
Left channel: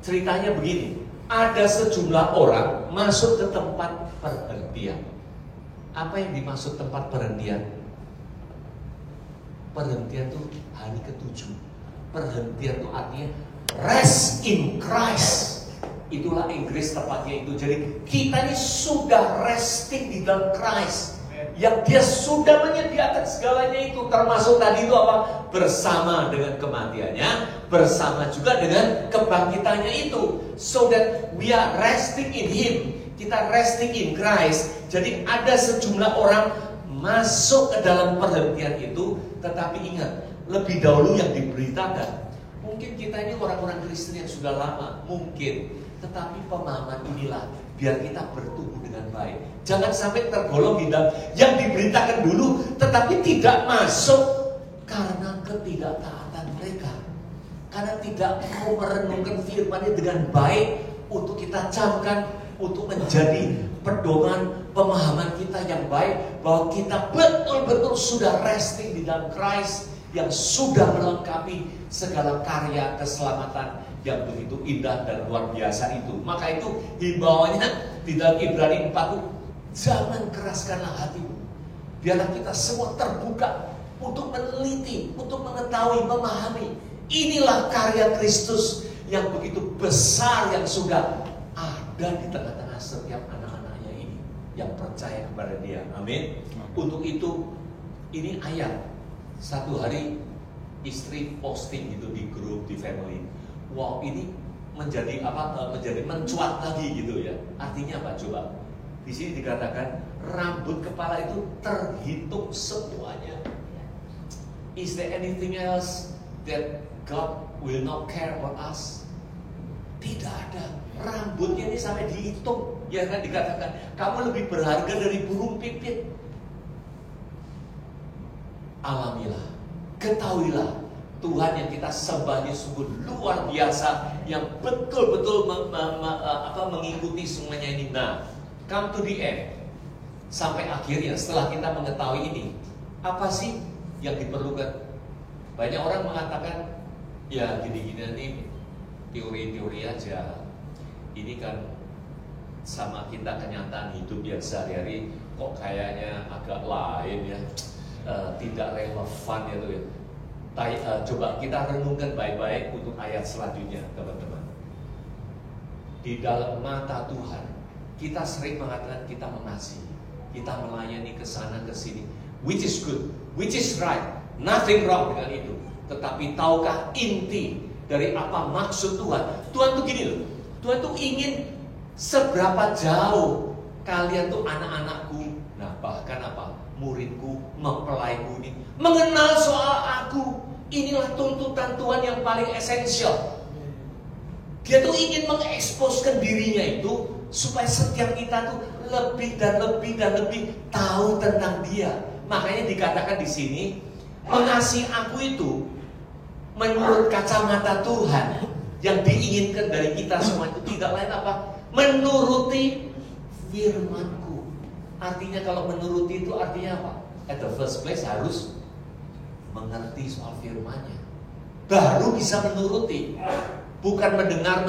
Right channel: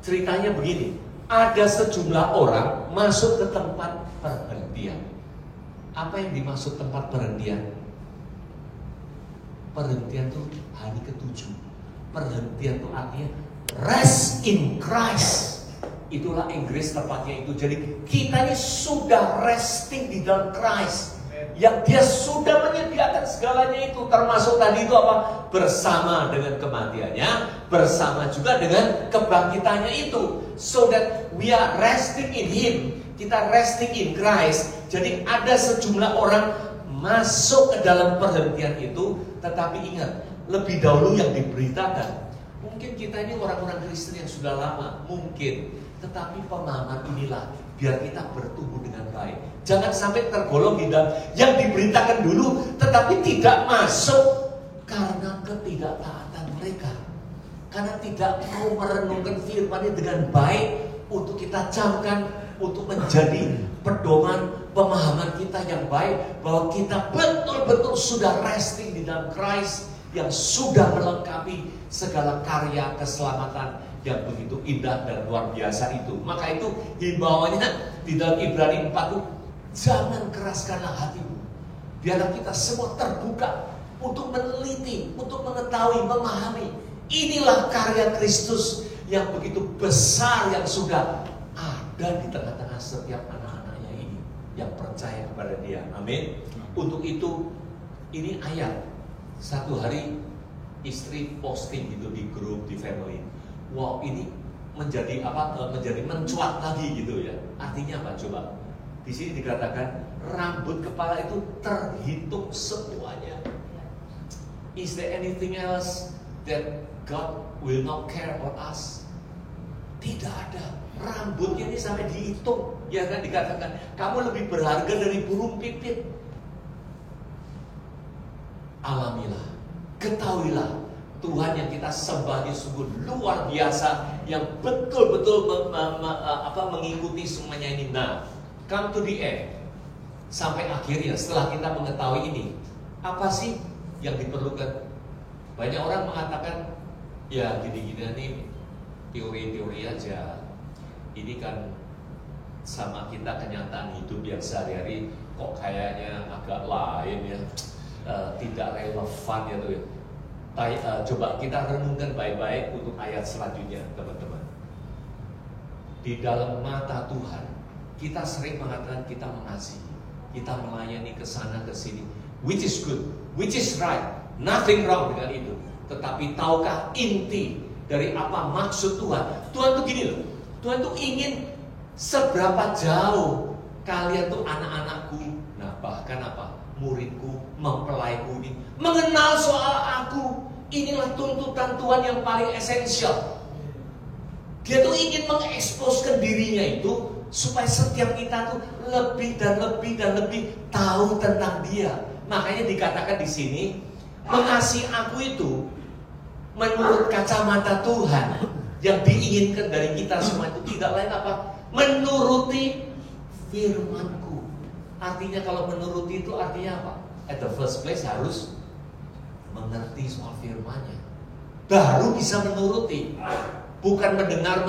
ceritanya begini, ada sejumlah orang masuk ke tempat perhentian. Apa yang dimaksud tempat perhentian? Perhentian itu hari ke-7. Perhentian itu artinya rest in Christ. Itulah Inggris tepatnya itu. Jadi kita ini sudah resting di dalam Christ, yang Dia sudah menyediakan segalanya itu, termasuk tadi itu apa? Bersama dengan kematiannya, bersama juga dengan kebangkitannya itu. So that we are resting in Him. Kita resting in Christ. Jadi ada sejumlah orang masuk ke dalam perhentian itu. Tetapi ingat, lebih dahulu yang diberitakan, mungkin kita ini orang-orang Kristen yang sudah lama, mungkin. Tetapi pemahaman inilah biar kita bertumbuh dengan baik. Jangan sampai tergolong di dalam yang diberitakan dulu tetapi tidak masuk karena ketidaktaatan mereka. Karena tidak mau merenungkan firman-Nya dengan baik untuk kita camkan, untuk menjadi pedoman pemahaman kita yang baik, bahwa kita betul-betul sudah resting di dalam Christ yang sudah melengkapi segala karya keselamatan yang begitu indah dan luar biasa itu. Maka itu himbauannya di dalam Ibrani 4 itu, jangan keraskanlah hatimu. Biarlah kita semua terbuka untuk meneliti, untuk mengetahui, memahami. Inilah karya Kristus yang begitu besar, yang sudah ada di tengah-tengah setiap anak-anaknya ini yang percaya kepada Dia. Amin. Untuk itu, ini ayat. Satu hari istri posting gitu di grup, di family. Wow, ini menjadi menjadi mencuat lagi gitu ya. Artinya apa coba? Di sini dikatakan rambut kepala itu terhitung semuanya. Is there anything else that God will not care about us? Tidak ada. Rambutnya ini sampai dihitung. Ya kan, dikatakan kamu lebih berharga dari burung pipit. Alamilah, ketahuilah, Tuhan yang kita sembah ini sungguh luar biasa, yang betul-betul mengikuti semuanya ini. Nah, come to the end. Sampai akhirnya setelah kita mengetahui ini, apa sih yang diperlukan? Banyak orang mengatakan, ya gini-gini nih teori-teori aja. Ini kan sama kita kenyataan hidup yang sehari-hari kok kayaknya agak lain ya. Tidak relevan ya tuh ya. Coba kita renungkan baik-baik untuk ayat selanjutnya, teman-teman. Di dalam mata Tuhan, kita sering mengatakan kita mengasihi, kita melayani ke sana ke sini, which is good, which is right, nothing wrong dengan itu. Tetapi tahukah inti dari apa maksud Tuhan? Tuhan tuh gini loh, Tuhan tuh ingin seberapa jauh kalian tuh anak-anakku, nah bahkan apa? Muridku, mempelaiku ini mengenal soal aku. Inilah tuntutan Tuhan yang paling esensial. Dia tuh ingin mengeksposkan dirinya itu supaya setiap kita tuh lebih dan lebih dan lebih tahu tentang Dia. Makanya dikatakan di sini, mengasihi aku itu menurut kacamata Tuhan yang diinginkan dari kita semua itu tidak lain apa? Menuruti firman-Ku. Artinya kalau menuruti itu artinya apa? At the first place harus mengerti soal firman-Nya. Baru bisa menuruti. Bukan mendengar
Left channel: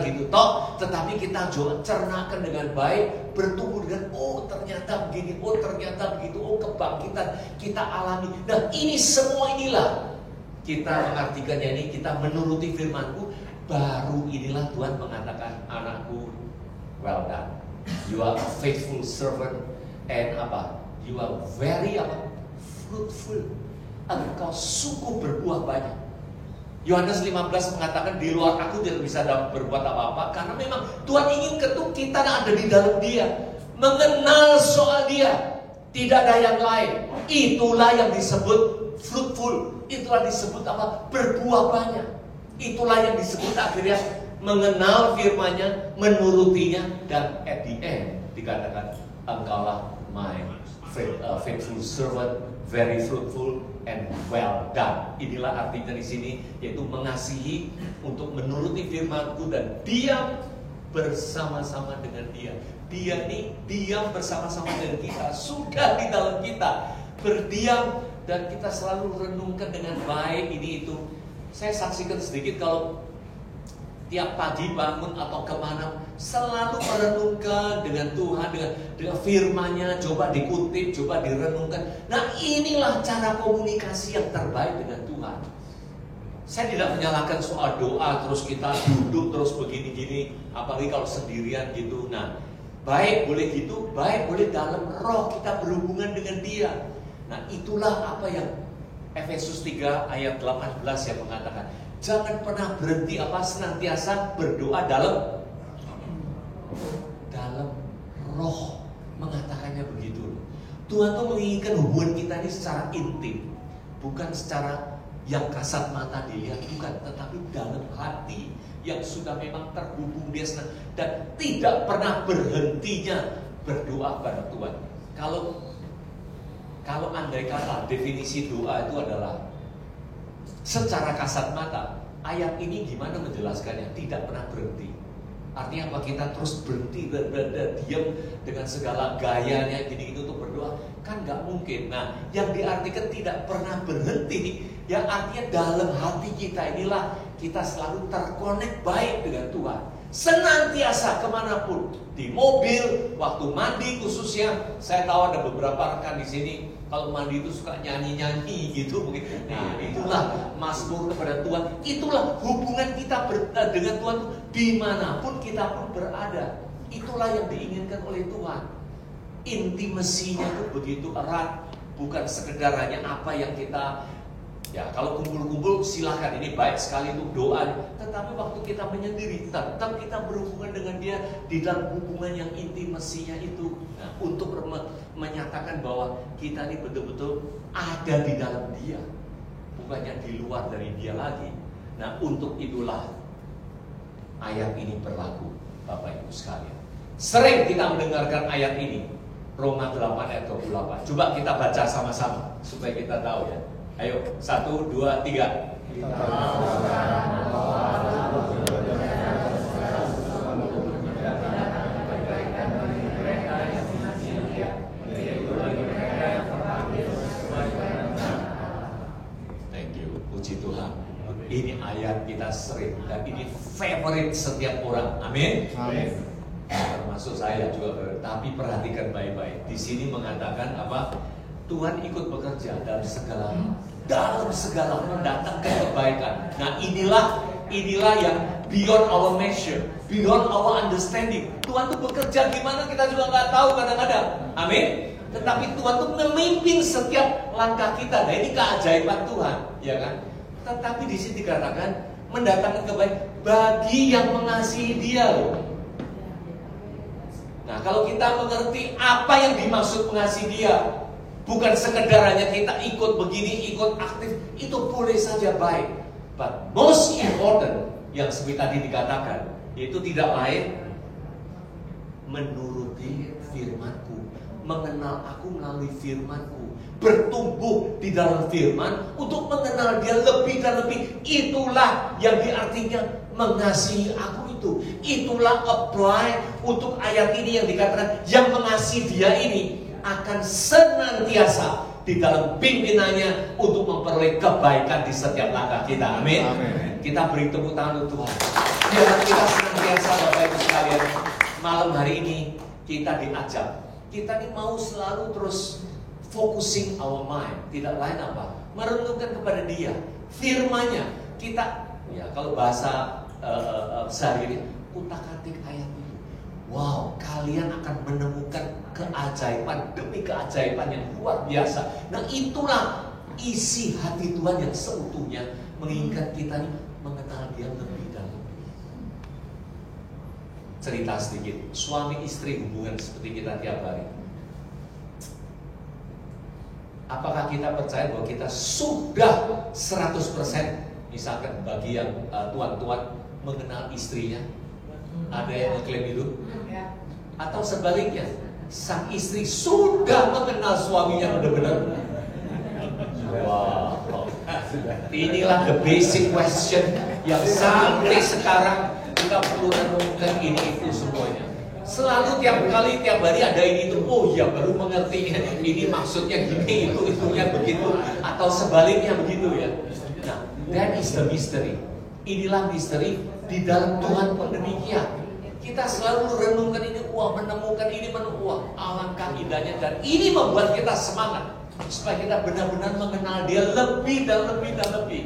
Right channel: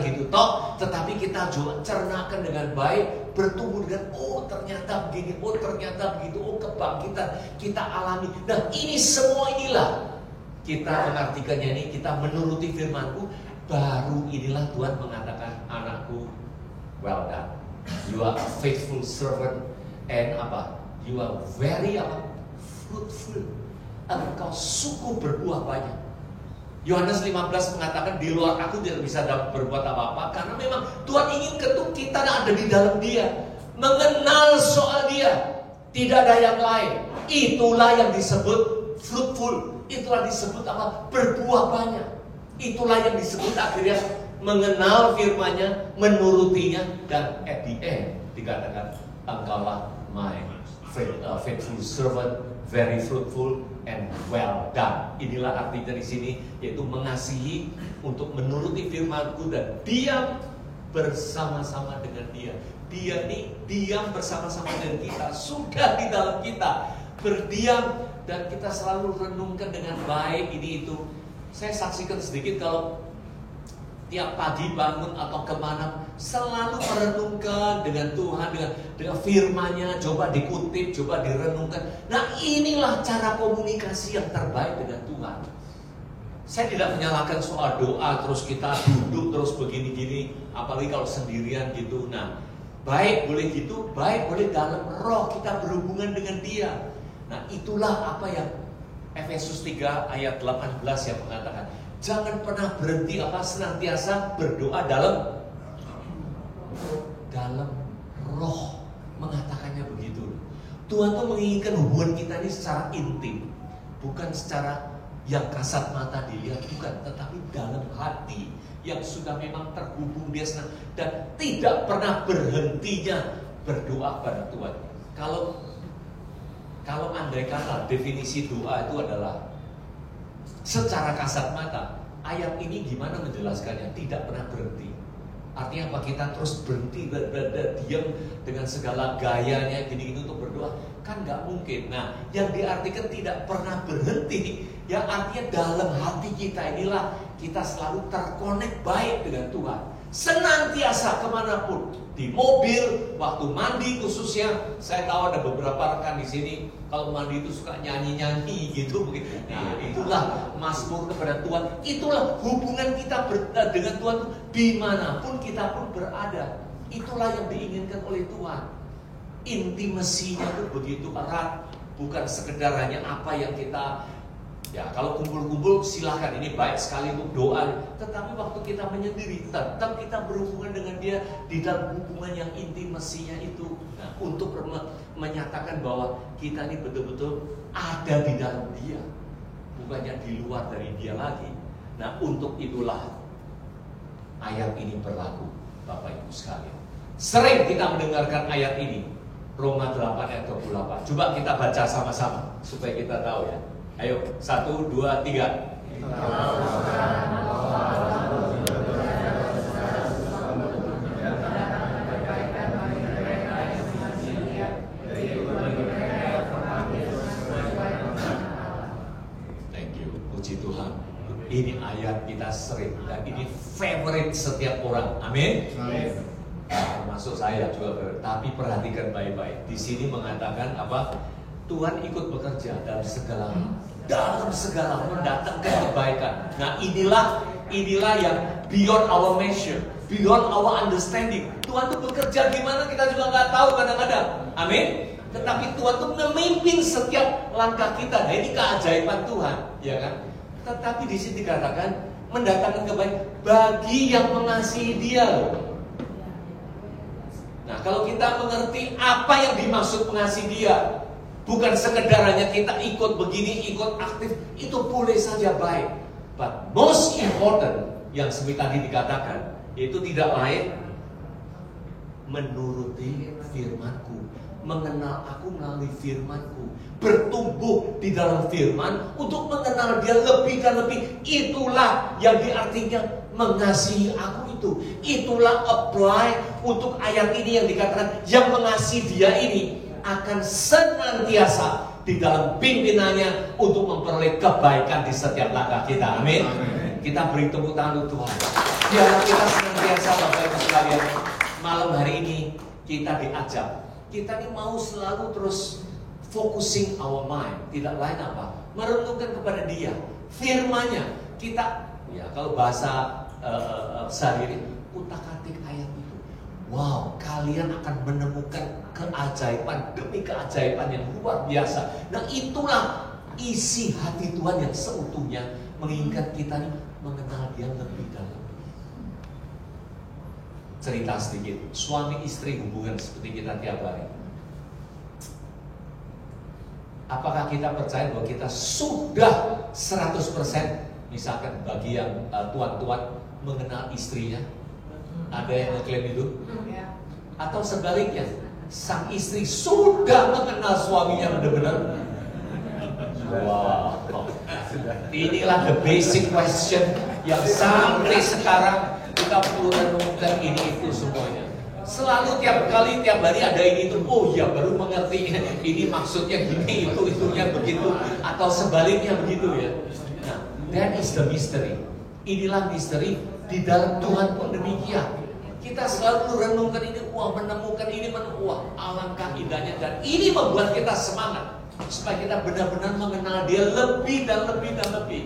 gitu toh, tetapi kita cernakan dengan baik, bertumbuh dengan oh ternyata begini, oh ternyata begitu, oh kebangkitan kita alami. Nah ini semua inilah kita mengartikannya ini, kita menuruti firman-Ku. Baru inilah Tuhan mengatakan, anakku, well done. You are a faithful servant and apa? You are very fruitful. Engkau sungguh berbuah banyak. Yohanes 15 mengatakan di luar aku tidak bisa berbuat apa-apa karena memang Tuhan ingin kita ada di dalam Dia, mengenal soal Dia. Tidak ada yang lain. Itulah yang disebut fruitful. Itulah disebut apa? Berbuah banyak. Itulah yang disebut akhirnya mengenal firman-Nya, menurutinya, dan at the end dikatakan engkaulah my faithful servant, very fruitful and well done. Inilah artinya di sini, yaitu mengasihi untuk menuruti firman-Ku dan diam bersama-sama dengan Dia. Dia ini diam bersama-sama dengan kita, sudah di dalam kita, berdiam dan kita selalu renungkan dengan baik ini itu. Saya saksikan sedikit kalau tiap pagi bangun atau kemana selalu merenungkan dengan Tuhan, dengan firman-Nya, coba dikutip, coba direnungkan. Nah inilah cara komunikasi yang terbaik dengan Tuhan. Saya tidak menyalahkan soal doa terus kita duduk terus begini-gini, apalagi kalau sendirian gitu. Nah baik boleh gitu, baik boleh dalam roh kita berhubungan dengan Dia. Nah itulah apa yang Efesus 3 ayat 18 yang mengatakan, jangan pernah berhenti senantiasa berdoa dalam roh, mengatakannya begitu. Tuhan tuh menginginkan hubungan kita ini secara intim, bukan secara yang kasat mata dilihat, bukan, tetapi dalam hati yang sudah memang terhubung Dia dan tidak pernah berhentinya berdoa pada Tuhan. Kalau andai kata definisi doa itu adalah secara kasat mata, ayat ini gimana menjelaskannya? Tidak pernah berhenti. Artinya apa? Kita terus berhenti, diam dengan segala gayanya gini-gini untuk berdoa? Kan gak mungkin. Nah, yang diartikan tidak pernah berhenti, ya artinya dalam hati kita inilah kita selalu terkonek baik dengan Tuhan. Senantiasa kemanapun, di mobil, waktu mandi khususnya. Saya tahu ada beberapa rekan di sini kalau mandi itu suka nyanyi-nyanyi gitu begitu. Nah, itulah mazmur kepada Tuhan. Itulah hubungan kita dengan Tuhan dimanapun kita pun berada. Itulah yang diinginkan oleh Tuhan. Intimasinya itu begitu erat, bukan sekedar hanya apa yang kita. Ya, kalau kumpul-kumpul silahkan, ini baik sekali untuk doa. Tetapi waktu kita menyendiri, tetap kita berhubungan dengan Dia di dalam hubungan yang intimasinya itu. Nah, untuk menyatakan bahwa kita ini betul-betul ada di dalam Dia, bukannya di luar dari Dia lagi. Nah, untuk itulah ayat ini berlaku, Bapak Ibu sekalian. Sering kita mendengarkan ayat ini, Roma 8 ayat 28. Coba kita baca sama-sama supaya kita tahu ya. Ayo, 1, 2, 3. Thank you, puji Tuhan. Ini ayat kita sering dan ini favorite setiap orang. Amin. Termasuk saya juga. Tapi perhatikan baik-baik. Di sini mengatakan apa? Tuhan ikut bekerja dalam segala mendatangkan kebaikan. Nah, inilah yang beyond our measure, beyond our understanding. Tuhan tuh bekerja gimana kita juga nggak tahu kadang-kadang. Amin. Tetapi Tuhan tuh memimpin setiap langkah kita. Nah, ini keajaiban Tuhan, ya kan? Tetapi di sini dikatakan mendatangkan kebaikan bagi yang mengasihi Dia loh. Nah, kalau kita mengerti apa yang dimaksud mengasihi Dia, bukan sekedar hanya kita ikut begini, ikut aktif, itu boleh saja baik. But most important yang seperti tadi dikatakan, itu tidak lain menuruti firman-Ku, mengenal Aku melalui firman-Ku, bertumbuh di dalam firman untuk mengenal Dia lebih dan lebih. Itulah yang diartikan mengasihi Aku itu. Itulah apply untuk ayat ini yang dikatakan yang mengasihi Dia ini akan senantiasa di dalam pimpinannya untuk memperoleh kebaikan di setiap langkah kita. Amin. Kita beri tepuk tangan untuk Tuhan. Biar kita senantiasa, Bapak Ibu sekalian, malam hari ini kita diajak. Kita ini mau selalu terus focusing our mind. Tidak lain apa? Merenungkan kepada Dia. Firman-Nya. Kita, ya kalau bahasa sehari-hari, utak-atik ayat itu. Wow, kalian akan menemukan keajaiban demi keajaiban yang luar biasa. Nah, itulah isi hati Tuhan yang seutuhnya menginginkan kita ini mengenal Dia lebih dan lebih. Cerita sedikit, suami istri hubungan seperti kita tiap hari. Apakah kita percaya bahwa kita sudah 100% misalkan bagi yang tuan-tuan mengenal istrinya? Ada yang ngeklaim itu? Atau sebaliknya, sang istri sudah mengenal suaminya benar-benar? Wow, inilah the basic question yang sampai sekarang kita perlu renungkan ini itu semuanya. Selalu tiap hari ada ini itu. Oh ya, baru mengerti ini maksudnya gini, itunya begitu, atau sebaliknya begitu ya. Nah, that is the mystery. Inilah misteri di dalam Tuhan pun demikian. Kita selalu renungkan ini, menemukan ini, alangkah indahnya. Dan ini membuat kita semangat supaya kita benar-benar mengenal Dia lebih dan lebih dan lebih.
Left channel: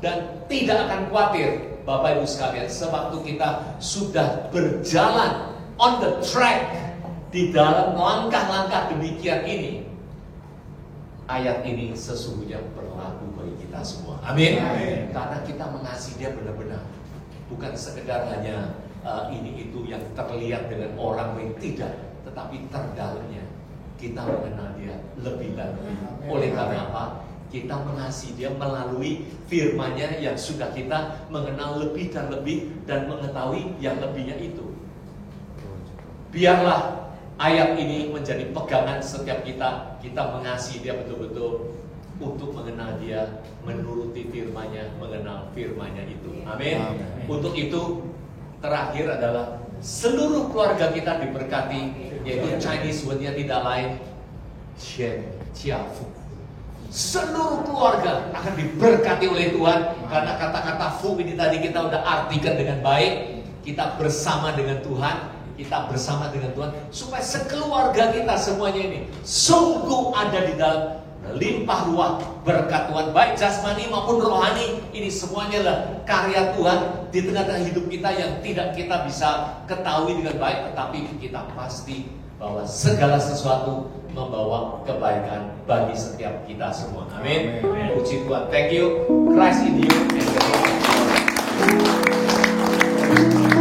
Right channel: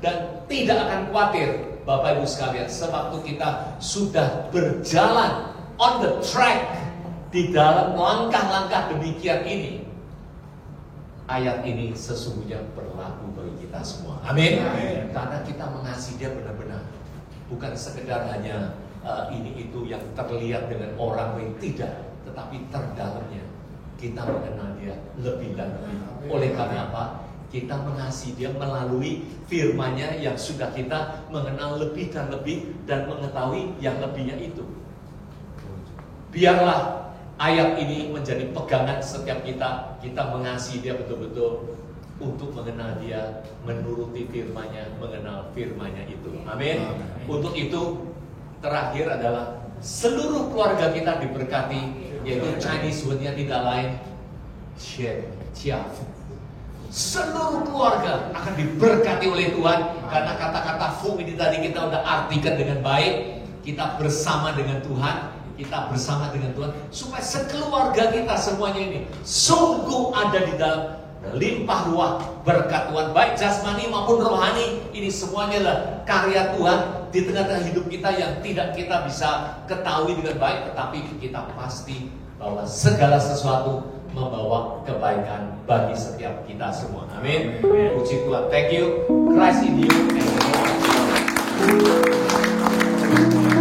Dan tidak akan khawatir, Bapak Ibu sekalian, sewaktu kita sudah berjalan on the track di dalam langkah-langkah demikian ini. Ayat ini sesungguhnya berlaku bagi kita semua. Amin. Karena kita mengasihi Dia benar-benar. Bukan sekedar hanya ini itu yang terlihat dengan orang lain, tidak, tetapi terdalamnya kita mengenal Dia lebih dan lebih. Oleh karena apa? Kita mengasihi Dia melalui firman-Nya yang sudah kita mengenal lebih dan lebih dan mengetahui yang lebihnya itu. Biarlah ayat ini menjadi pegangan setiap kita mengasihi Dia betul-betul untuk mengenal Dia, menuruti firman-Nya, mengenal firman-Nya itu. Amin. Untuk itu terakhir adalah seluruh keluarga kita diberkati, yaitu Chinese word-nya tidak lain Fu. Seluruh keluarga akan diberkati oleh Tuhan karena kata-kata Fu ini tadi kita udah artikan dengan baik. Kita bersama dengan Tuhan, kita bersama dengan Tuhan supaya sekeluarga kita semuanya ini sungguh ada di dalam limpah ruah berkat Tuhan, baik jasmani maupun rohani. Ini semuanya lah karya Tuhan di tengah-tengah hidup kita yang tidak kita bisa ketahui dengan baik, tetapi kita pasti bahwa segala sesuatu membawa kebaikan bagi setiap kita semua. Amin. Puji Tuhan. Thank you. Christ in you. Thank you.